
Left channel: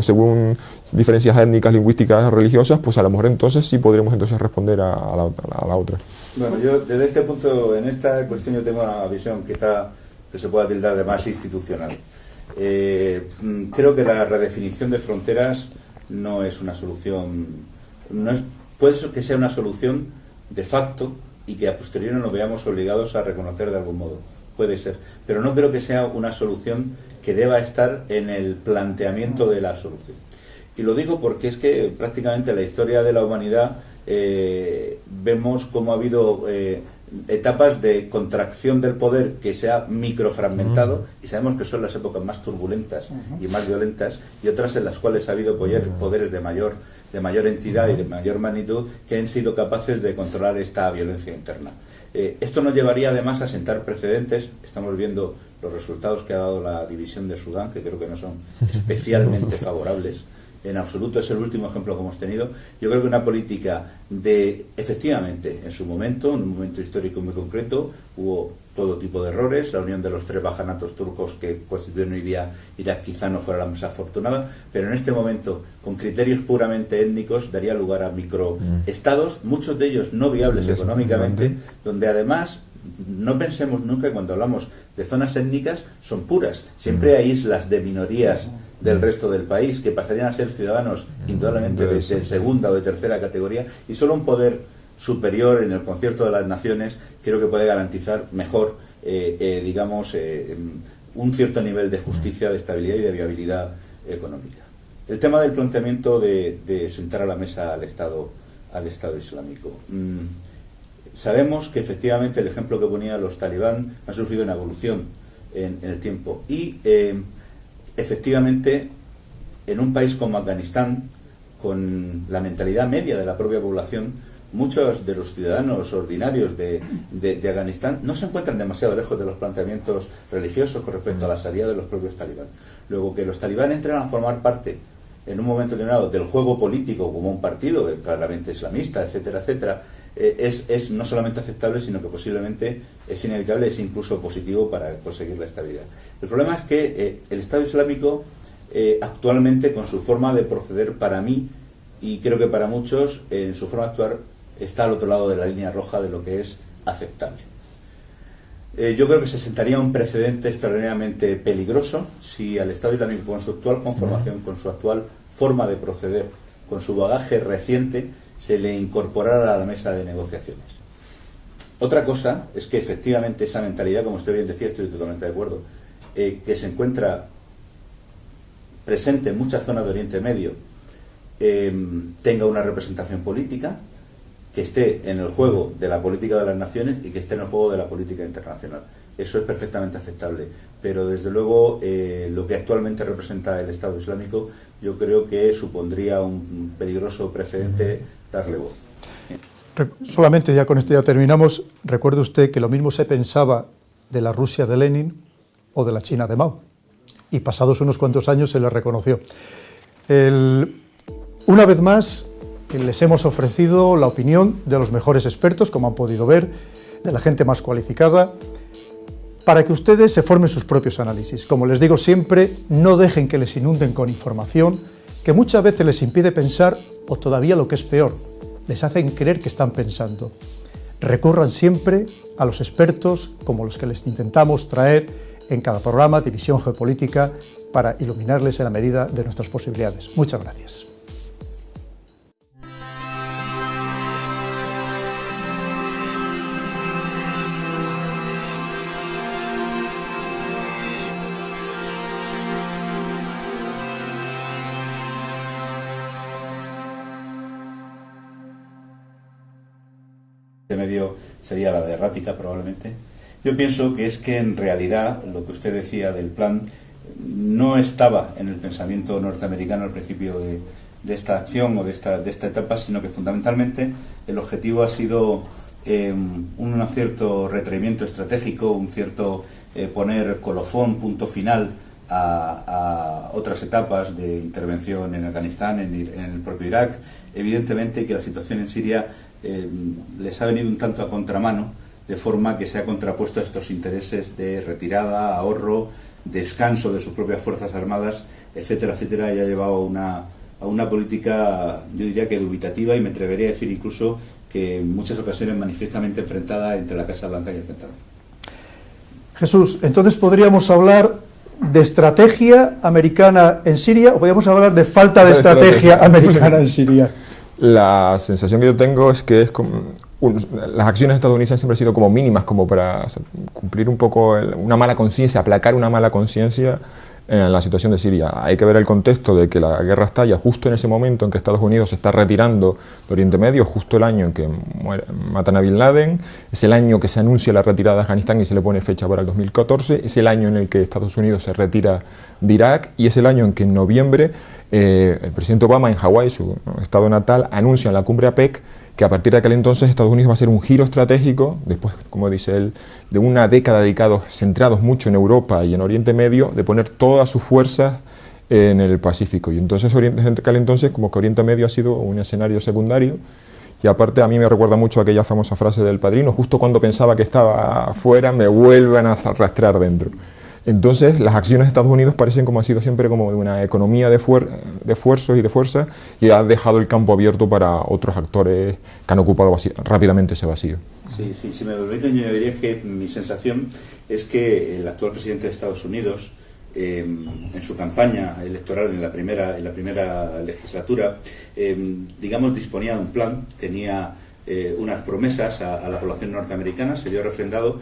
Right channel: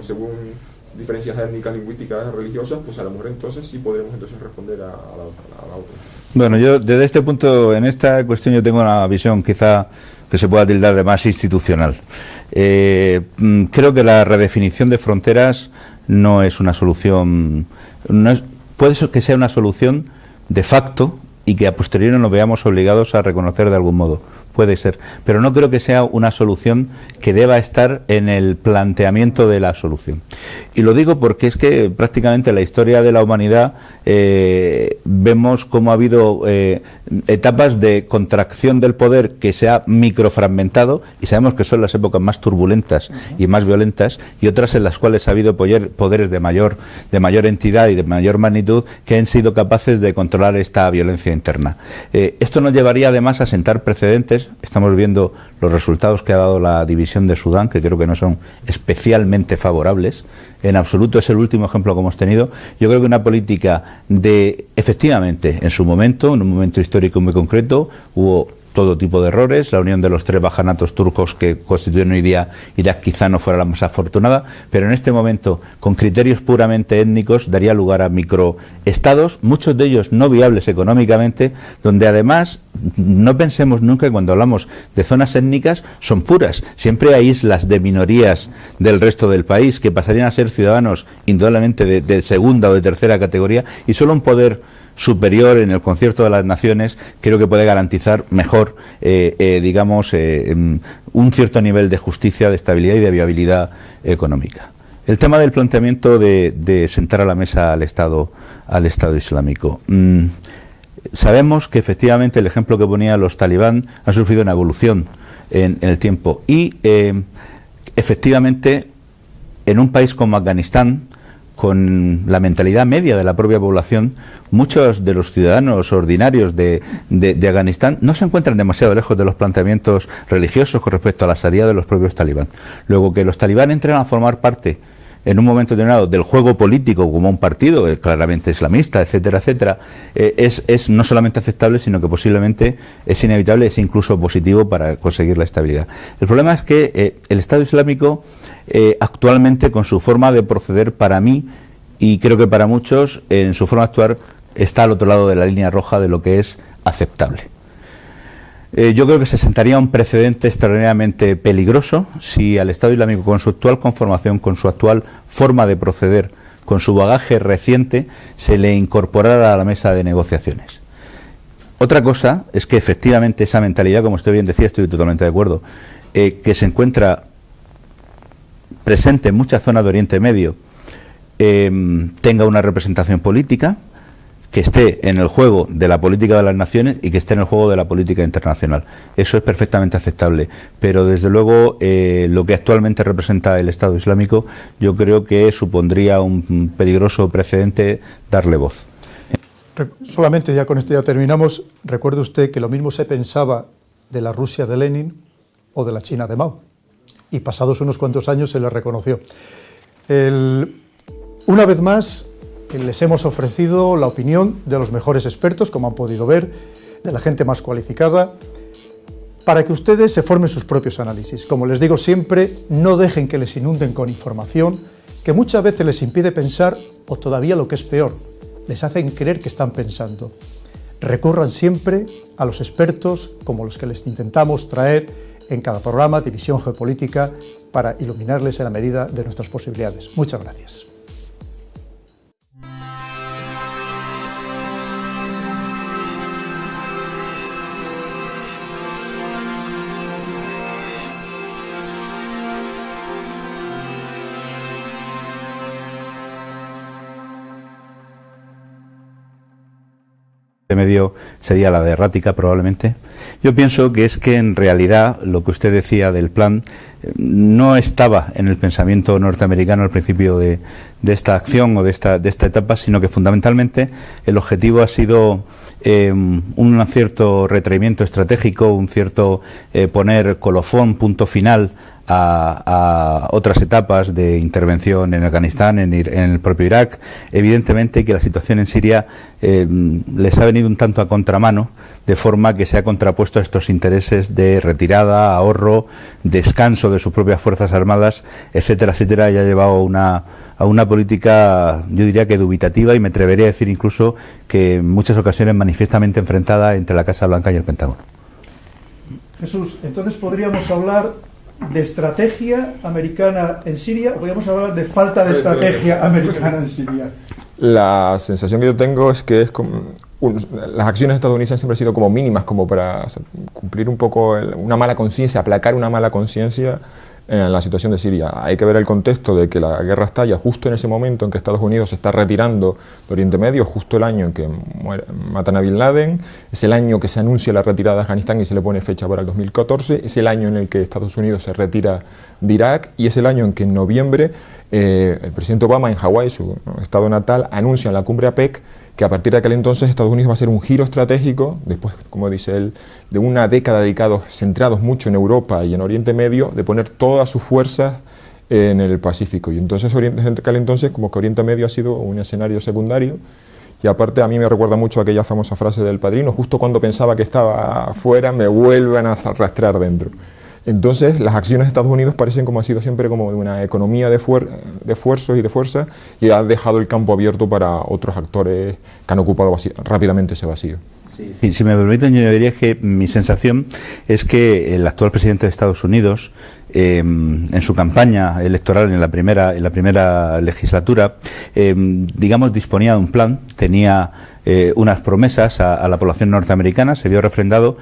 según diferencias étnicas, lingüísticas, religiosas, pues a lo mejor entonces sí podremos responder a la otra. Bueno, yo desde este punto, en esta cuestión yo tengo una visión quizá que se pueda tildar de más institucional. Creo que la redefinición de fronteras no es una solución, puede ser que sea una solución de facto y que a posteriori nos veamos obligados a reconocer de algún modo, puede ser, pero no creo que sea una solución que deba estar en el planteamiento de la solución. Y lo digo porque es que prácticamente en la historia de la humanidad vemos cómo ha habido etapas de contracción del poder que se ha microfragmentado y sabemos que son las épocas más turbulentas y más violentas, y otras en las cuales ha habido poderes de mayor entidad y de mayor magnitud que han sido capaces de controlar esta violencia interna. Esto nos llevaría además a sentar precedentes. Estamos viendo los resultados que ha dado la división de Sudán, que creo que no son especialmente favorables. En absoluto es el último ejemplo que hemos tenido. Yo creo que una política efectivamente, en su momento, en un momento histórico muy concreto, hubo todo tipo de errores. La unión de los 3 bajanatos turcos que constituyen hoy día Irak quizá no fuera la más afortunada, pero en este momento, con criterios puramente étnicos, daría lugar a microestados, muchos de ellos no viables económicamente, donde además no pensemos nunca que cuando hablamos de zonas étnicas son puras. Siempre hay islas de minorías del resto del país que pasarían a ser ciudadanos indudablemente de segunda o de tercera categoría, y solo un poder superior en el concierto de las naciones creo que puede garantizar mejor un cierto nivel de justicia, de estabilidad y de viabilidad económica. El tema del planteamiento de sentar a la mesa al Estado Islámico. Sabemos que efectivamente el ejemplo que ponía los talibán ha sufrido una evolución en el tiempo y efectivamente en un país como Afganistán, con la mentalidad media de la propia población, muchos de los ciudadanos ordinarios de Afganistán no se encuentran demasiado lejos de los planteamientos religiosos con respecto a la sharia de los propios talibán. Luego, que los talibán entren a formar parte en un momento determinado del juego político como un partido claramente islamista, etcétera, etcétera, es no solamente aceptable, sino que posiblemente es inevitable, es incluso positivo para conseguir la estabilidad. El problema es que el Estado Islámico actualmente, con su forma de proceder, para mí y creo que para muchos, en su forma de actuar, está al otro lado de la línea roja de lo que es aceptable. Yo creo que se sentaría un precedente extraordinariamente peligroso si al Estado Islámico, con su actual conformación, con su actual forma de proceder, con su bagaje reciente, se le incorporara a la mesa de negociaciones. Otra cosa es que efectivamente esa mentalidad, como usted bien decía, estoy totalmente de acuerdo, que se encuentra presente en muchas zonas de Oriente Medio, tenga una representación política, que esté en el juego de la política de las naciones y que esté en el juego de la política internacional. Eso es perfectamente aceptable, pero desde luego lo que actualmente representa el Estado Islámico, yo creo que supondría un peligroso precedente darle voz. Solamente, ya con esto ya terminamos, recuerde usted que lo mismo se pensaba de la Rusia de Lenin o de la China de Mao, y pasados unos cuantos años se le reconoció. Una vez más, les hemos ofrecido la opinión de los mejores expertos, como han podido ver, de la gente más cualificada, para que ustedes se formen sus propios análisis. Como les digo siempre, no dejen que les inunden con información que muchas veces les impide pensar, o todavía lo que es peor, les hacen creer que están pensando. Recurran siempre a los expertos, como los que les intentamos traer en cada programa de Visión Geopolítica, para iluminarles en la medida de nuestras posibilidades. Muchas gracias. Medio sería la de errática, probablemente. Yo pienso que es que en realidad lo que usted decía del plan no estaba en el pensamiento norteamericano al principio de esta acción o de esta etapa, sino que fundamentalmente el objetivo ha sido un cierto retraimiento estratégico, un cierto poner colofón, punto final a otras etapas de intervención en Afganistán, en el propio Irak. Evidentemente que la situación en Siria les ha venido un tanto a contramano, de forma que se ha contrapuesto a estos intereses de retirada, ahorro, descanso de sus propias fuerzas armadas, etcétera, etcétera, y ha llevado a una política, yo diría que dubitativa, y me atrevería a decir incluso que en muchas ocasiones manifiestamente enfrentada entre la Casa Blanca y el Pentágono. Jesús, entonces podríamos hablar de estrategia americana en Siria, o podríamos hablar de falta de estrategia americana en Siria. La sensación que yo tengo es que las acciones estadounidenses siempre han sido como mínimas, como para cumplir un poco una mala conciencia, aplacar una mala conciencia en la situación de Siria. Hay que ver el contexto de que la guerra estalla justo en ese momento en que Estados Unidos se está retirando de Oriente Medio, justo el año en que matan a Bin Laden, es el año que se anuncia la retirada de Afganistán y se le pone fecha para el 2014, es el año en el que Estados Unidos se retira de Irak y es el año en que en noviembre el presidente Obama en Hawái, su estado natal, anuncia en la cumbre APEC que a partir de aquel entonces Estados Unidos va a hacer un giro estratégico, después, como dice él, de una década centrados mucho en Europa y en Oriente Medio, de poner todas sus fuerzas en el Pacífico. Y entonces, desde aquel entonces, como que Oriente Medio ha sido un escenario secundario. Y aparte a mí me recuerda mucho aquella famosa frase del Padrino: justo cuando pensaba que estaba afuera, me vuelven a arrastrar dentro. Entonces, las acciones de Estados Unidos parecen como ha sido siempre como de una economía de esfuerzos y de fuerza, y ha dejado el campo abierto para otros actores que han ocupado rápidamente ese vacío. Sí, si me permiten, yo diría que mi sensación es que el actual presidente de Estados Unidos, en su campaña electoral en la primera legislatura, digamos, disponía de un plan, tenía unas promesas a la población norteamericana, se vio refrendado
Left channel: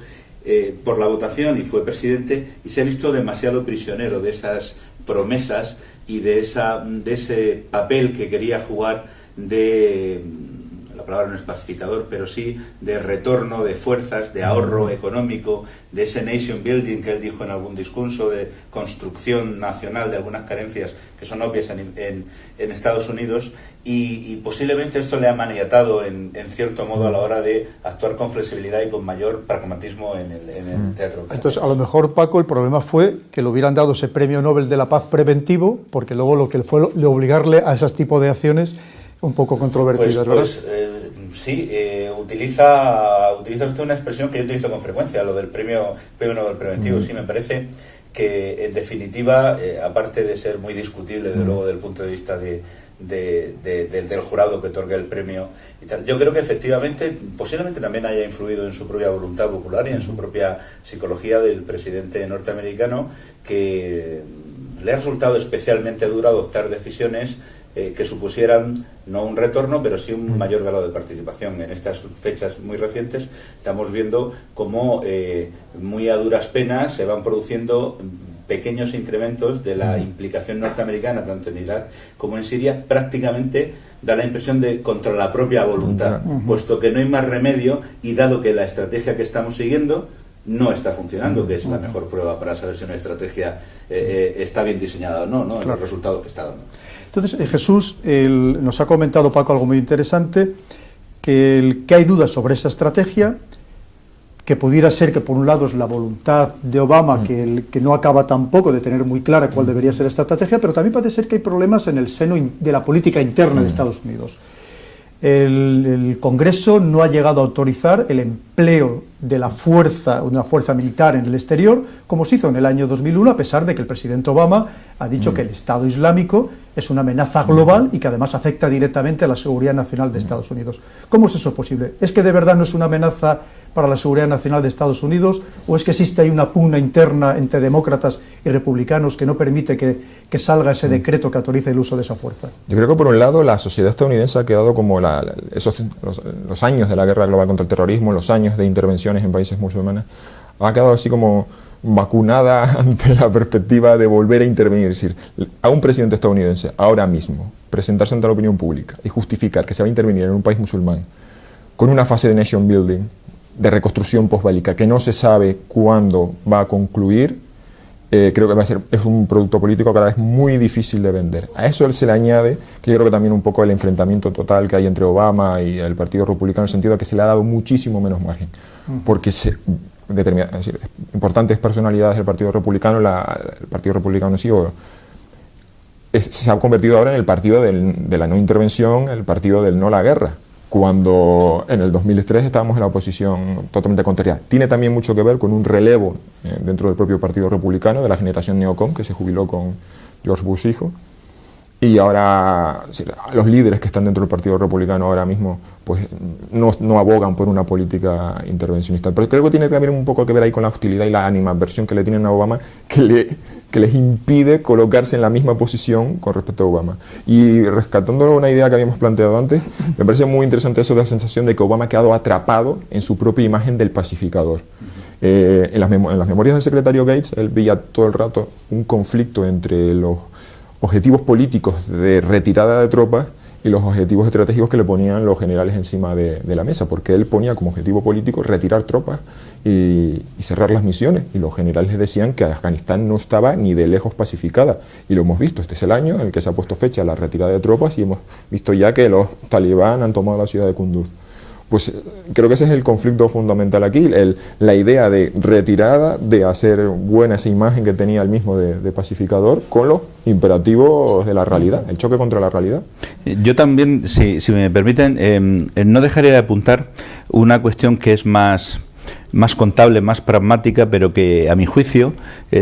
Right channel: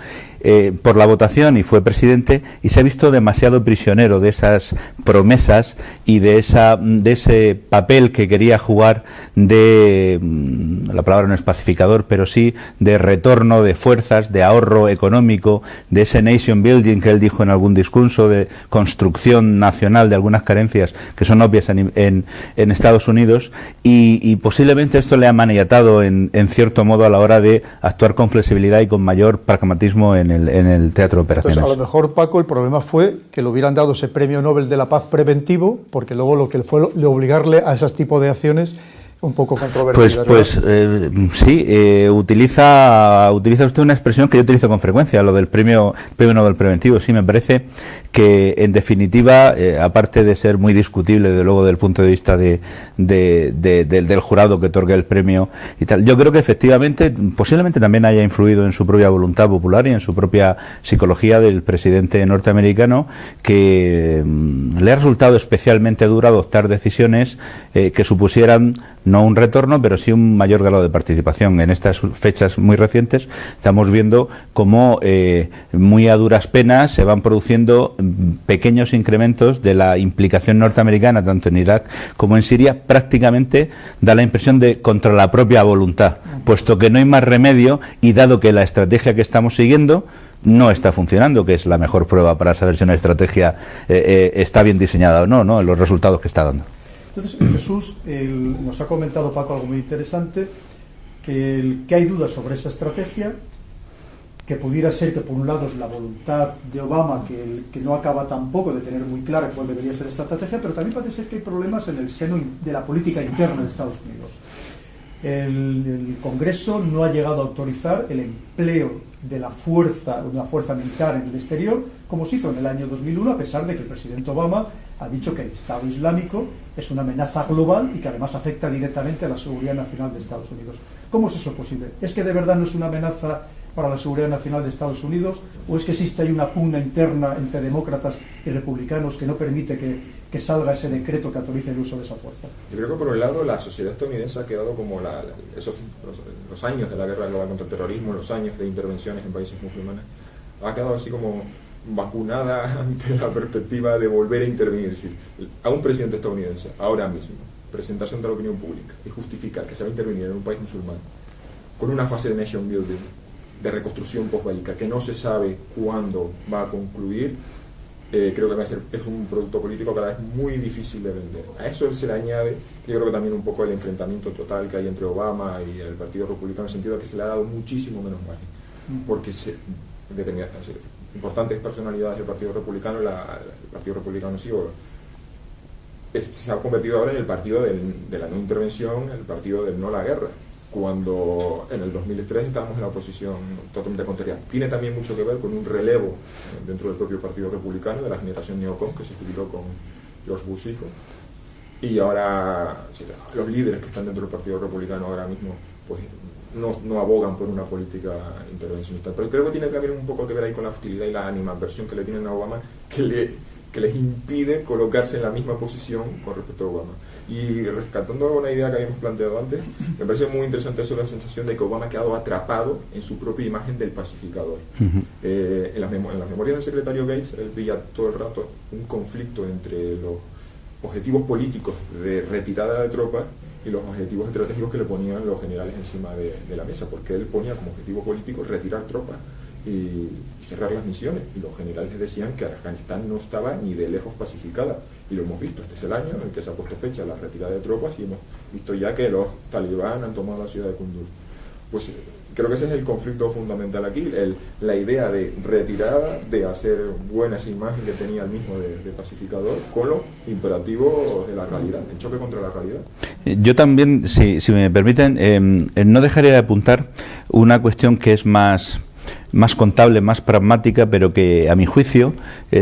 por la votación y fue presidente, y se ha visto demasiado prisionero de esas promesas y de ese papel que quería jugar la palabra no es pacificador, pero sí de retorno de fuerzas, de ahorro económico, de ese nation building que él dijo en algún discurso, de construcción nacional de algunas carencias que son obvias en Estados Unidos, y posiblemente esto le ha maniatado en cierto modo a la hora de actuar con flexibilidad y con mayor pragmatismo en en el teatro de operaciones. Entonces, a lo mejor, Paco, el problema fue que le hubieran dado ese premio Nobel de la Paz preventivo, porque luego lo que fue de obligarle a ese tipo de acciones un poco controvertidas. Sí, utiliza usted una expresión que yo utilizo con frecuencia, lo del premio Nobel preventivo. Sí, me parece que, en definitiva, aparte de ser muy discutible, desde luego, desde el punto de vista del jurado que otorga el premio y tal, yo creo que efectivamente, posiblemente también haya influido en su propia voluntad popular y en su propia psicología del presidente norteamericano, que le ha resultado especialmente duro adoptar decisiones que supusieran no un retorno, pero sí un mayor grado de participación. En estas fechas muy recientes estamos viendo cómo muy a duras penas se van produciendo pequeños incrementos de la implicación norteamericana, tanto en Irak como en Siria. Prácticamente da la impresión de contra la propia voluntad, puesto que no hay más remedio, y dado que la estrategia que estamos siguiendo no está funcionando, que es la mejor prueba para saber si una estrategia está bien diseñada o no, en los resultados que está dando. Entonces, Jesús, nos ha comentado, Paco, algo muy interesante, que hay dudas sobre esa estrategia, que pudiera ser que por un lado es la voluntad de Obama, que no acaba tampoco de tener muy clara cuál debería ser esta estrategia, pero también parece ser que hay problemas en el seno de la política interna de Estados Unidos. El Congreso no ha llegado a autorizar el empleo de una fuerza militar en el exterior, como se hizo en el año 2001, a pesar de que el presidente Obama ha dicho que el Estado Islámico es una amenaza global y que además afecta directamente a la seguridad nacional de Estados Unidos. ¿Cómo es eso posible? ¿Es que de verdad no es una amenaza para la seguridad nacional de Estados Unidos, o es que existe ahí una pugna interna entre demócratas y republicanos que no permite que salga ese decreto que autorice el uso de esa fuerza? Yo creo que, por un lado, la sociedad estadounidense ha quedado como los años de la guerra global contra el terrorismo, los años de intervenciones en países musulmanes, ha quedado así como vacunada ante la perspectiva de volver a intervenir. Es decir, a un presidente estadounidense ahora mismo presentarse ante la opinión pública y justificar que se va a intervenir en un país musulmán con una fase de nation building, de reconstrucción postbélica, que no se sabe cuándo va a concluir, creo que es un producto político cada vez muy difícil de vender. A eso se le añade, que yo creo que también un poco el enfrentamiento total que hay entre Obama y el Partido Republicano, en el sentido de que se le ha dado muchísimo menos margen, porque importantes personalidades del Partido Republicano, el Partido Republicano sí, se ha convertido ahora en el partido de la no intervención, el partido del no la guerra, cuando en el 2003 estábamos en la oposición totalmente contraria. Tiene también mucho que ver con un relevo dentro del propio Partido Republicano de la generación neocon, que se jubiló con George Bush hijo, y ahora los líderes que están dentro del Partido Republicano ahora mismo pues no abogan por una política intervencionista. Pero creo que tiene también un poco que ver ahí con la hostilidad y la animadversión que le tienen a Obama, que les impide colocarse en la misma posición con respecto a Obama. Y rescatando una idea que habíamos planteado antes, me parece muy interesante eso de la sensación de que Obama ha quedado atrapado en su propia imagen del pacificador. En las memorias del secretario Gates, él veía todo el rato un conflicto entre los objetivos políticos de retirada de tropas y los objetivos estratégicos que le ponían los generales encima de la mesa, porque él ponía como objetivo político retirar tropas y cerrar las misiones, y los generales les decían que Afganistán no estaba ni de lejos pacificada, y lo hemos visto. Este es el año en el que se ha puesto fecha a la retirada de tropas y hemos visto ya que los talibán han tomado la ciudad de Kunduz. Pues creo que ese es el conflicto fundamental aquí, la idea de retirada, de hacer buena esa imagen que tenía el mismo de pacificador, con los imperativos de la realidad, el choque contra la realidad. Yo también, si me permiten, no dejaría de apuntar una cuestión que es más contable, más pragmática, pero que a mi juicio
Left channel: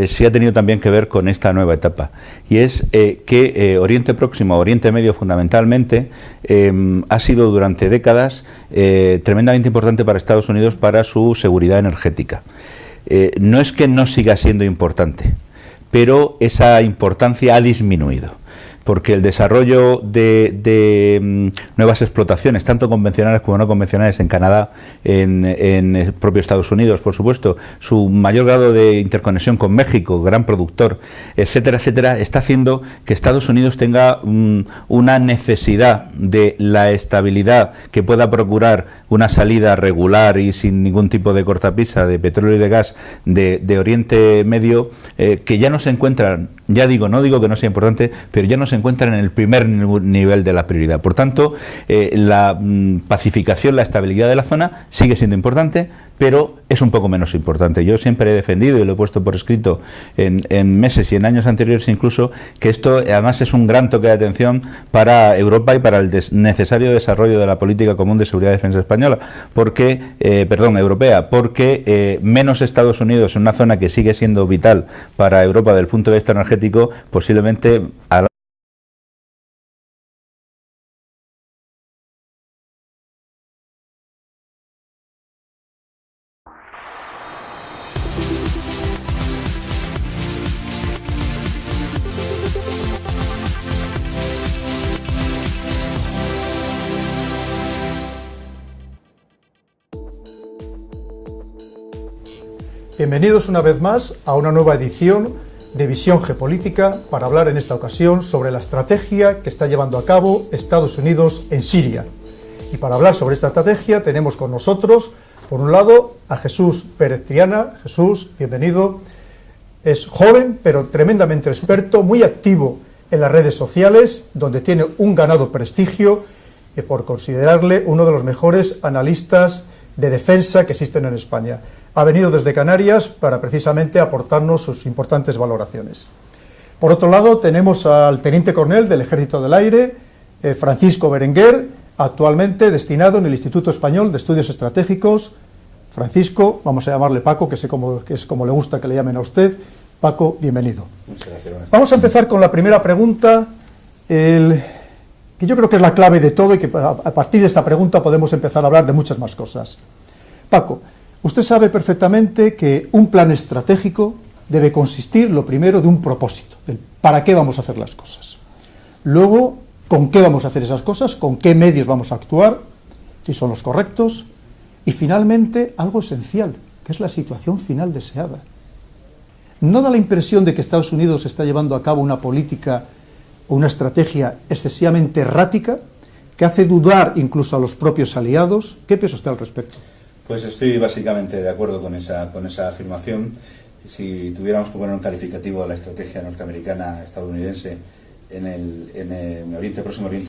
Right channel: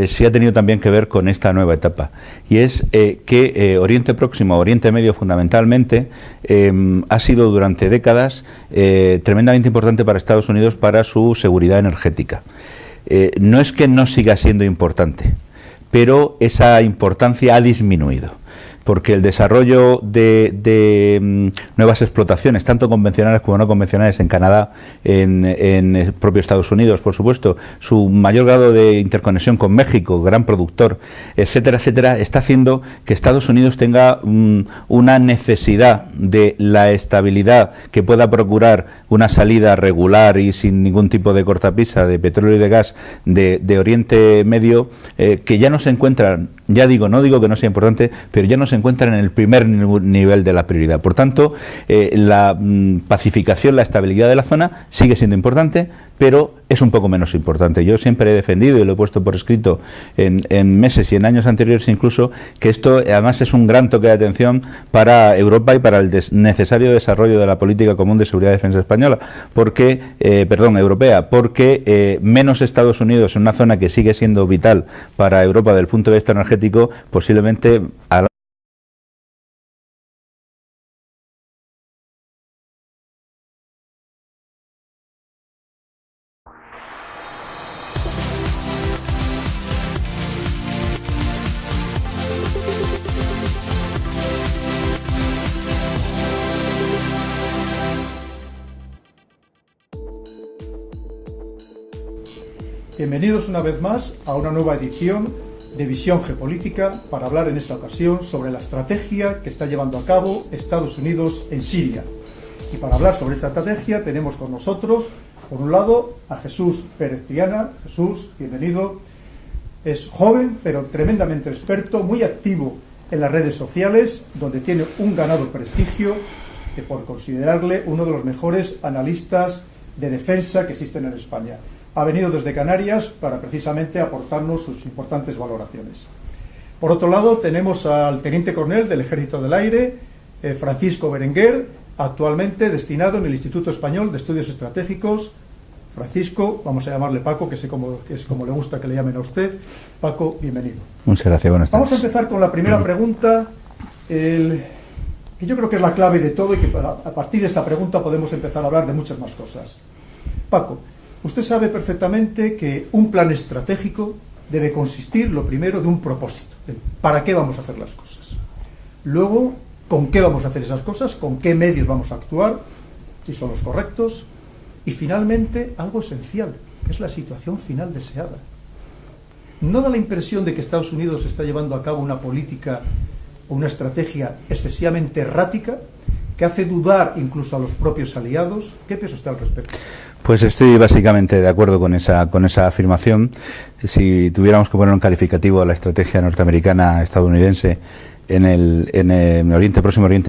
sí ha tenido también que ver con esta nueva etapa, y es que Oriente Próximo, Oriente Medio fundamentalmente, ha sido durante décadas tremendamente importante para Estados Unidos para su seguridad energética. No es que no siga siendo importante, pero esa importancia ha disminuido, porque el desarrollo de nuevas explotaciones, tanto convencionales como no convencionales, en Canadá, en el propio Estados Unidos, por supuesto, su mayor grado de interconexión con México, gran productor, etcétera, etcétera, está haciendo que Estados Unidos tenga una necesidad de la estabilidad que pueda procurar una salida regular y sin ningún tipo de cortapisa de petróleo y de gas de Oriente Medio, que ya no se encuentran ya digo, no digo que no sea importante, pero ya no se encuentran en el primer nivel de la prioridad. Por tanto, la pacificación, la estabilidad de la zona sigue siendo importante, pero es un poco menos importante. Yo siempre he defendido y lo he puesto por escrito en meses y en años anteriores incluso, que esto además es un gran toque de atención para Europa y para el necesario desarrollo de la política común de seguridad y defensa española, europea, porque menos Estados Unidos en una zona que sigue siendo vital para Europa desde el punto de vista energético, posiblemente a la Bienvenidos una vez más a una nueva edición de Visión Geopolítica para hablar en esta ocasión sobre la estrategia que está llevando a cabo Estados Unidos en Siria. Y para hablar sobre esta estrategia tenemos con nosotros, por un lado, a Jesús Pérez Triana. Jesús, bienvenido. Es joven, pero tremendamente experto, muy activo en las redes sociales, donde tiene un ganado prestigio por considerarle uno de los mejores analistas de defensa que existen en España. Ha venido desde Canarias para precisamente aportarnos sus importantes valoraciones. Por otro lado, tenemos al teniente coronel del Ejército del Aire, Francisco Berenguer, actualmente destinado en el Instituto Español de Estudios Estratégicos. Francisco, vamos a llamarle Paco, que es como le gusta que le llamen a usted. Paco, bienvenido. Muchas gracias, buenas tardes. Vamos a empezar con la primera pregunta, que yo creo que es la clave de todo y que a partir de esta pregunta podemos empezar a hablar de muchas más cosas. Paco, usted sabe perfectamente que un plan estratégico debe consistir, lo primero, de un propósito, de para qué vamos a hacer las cosas. Luego, con qué vamos a hacer esas cosas, con qué medios vamos a actuar, si son los correctos, y finalmente, algo esencial, que es la situación final deseada. ¿No da la impresión de que Estados Unidos está llevando a cabo una política o una estrategia excesivamente errática, que hace dudar incluso a los propios aliados? ¿Qué piensa usted al respecto? Pues estoy básicamente de acuerdo con esa afirmación. Si tuviéramos que poner un calificativo a la estrategia norteamericana estadounidense en el Próximo Oriente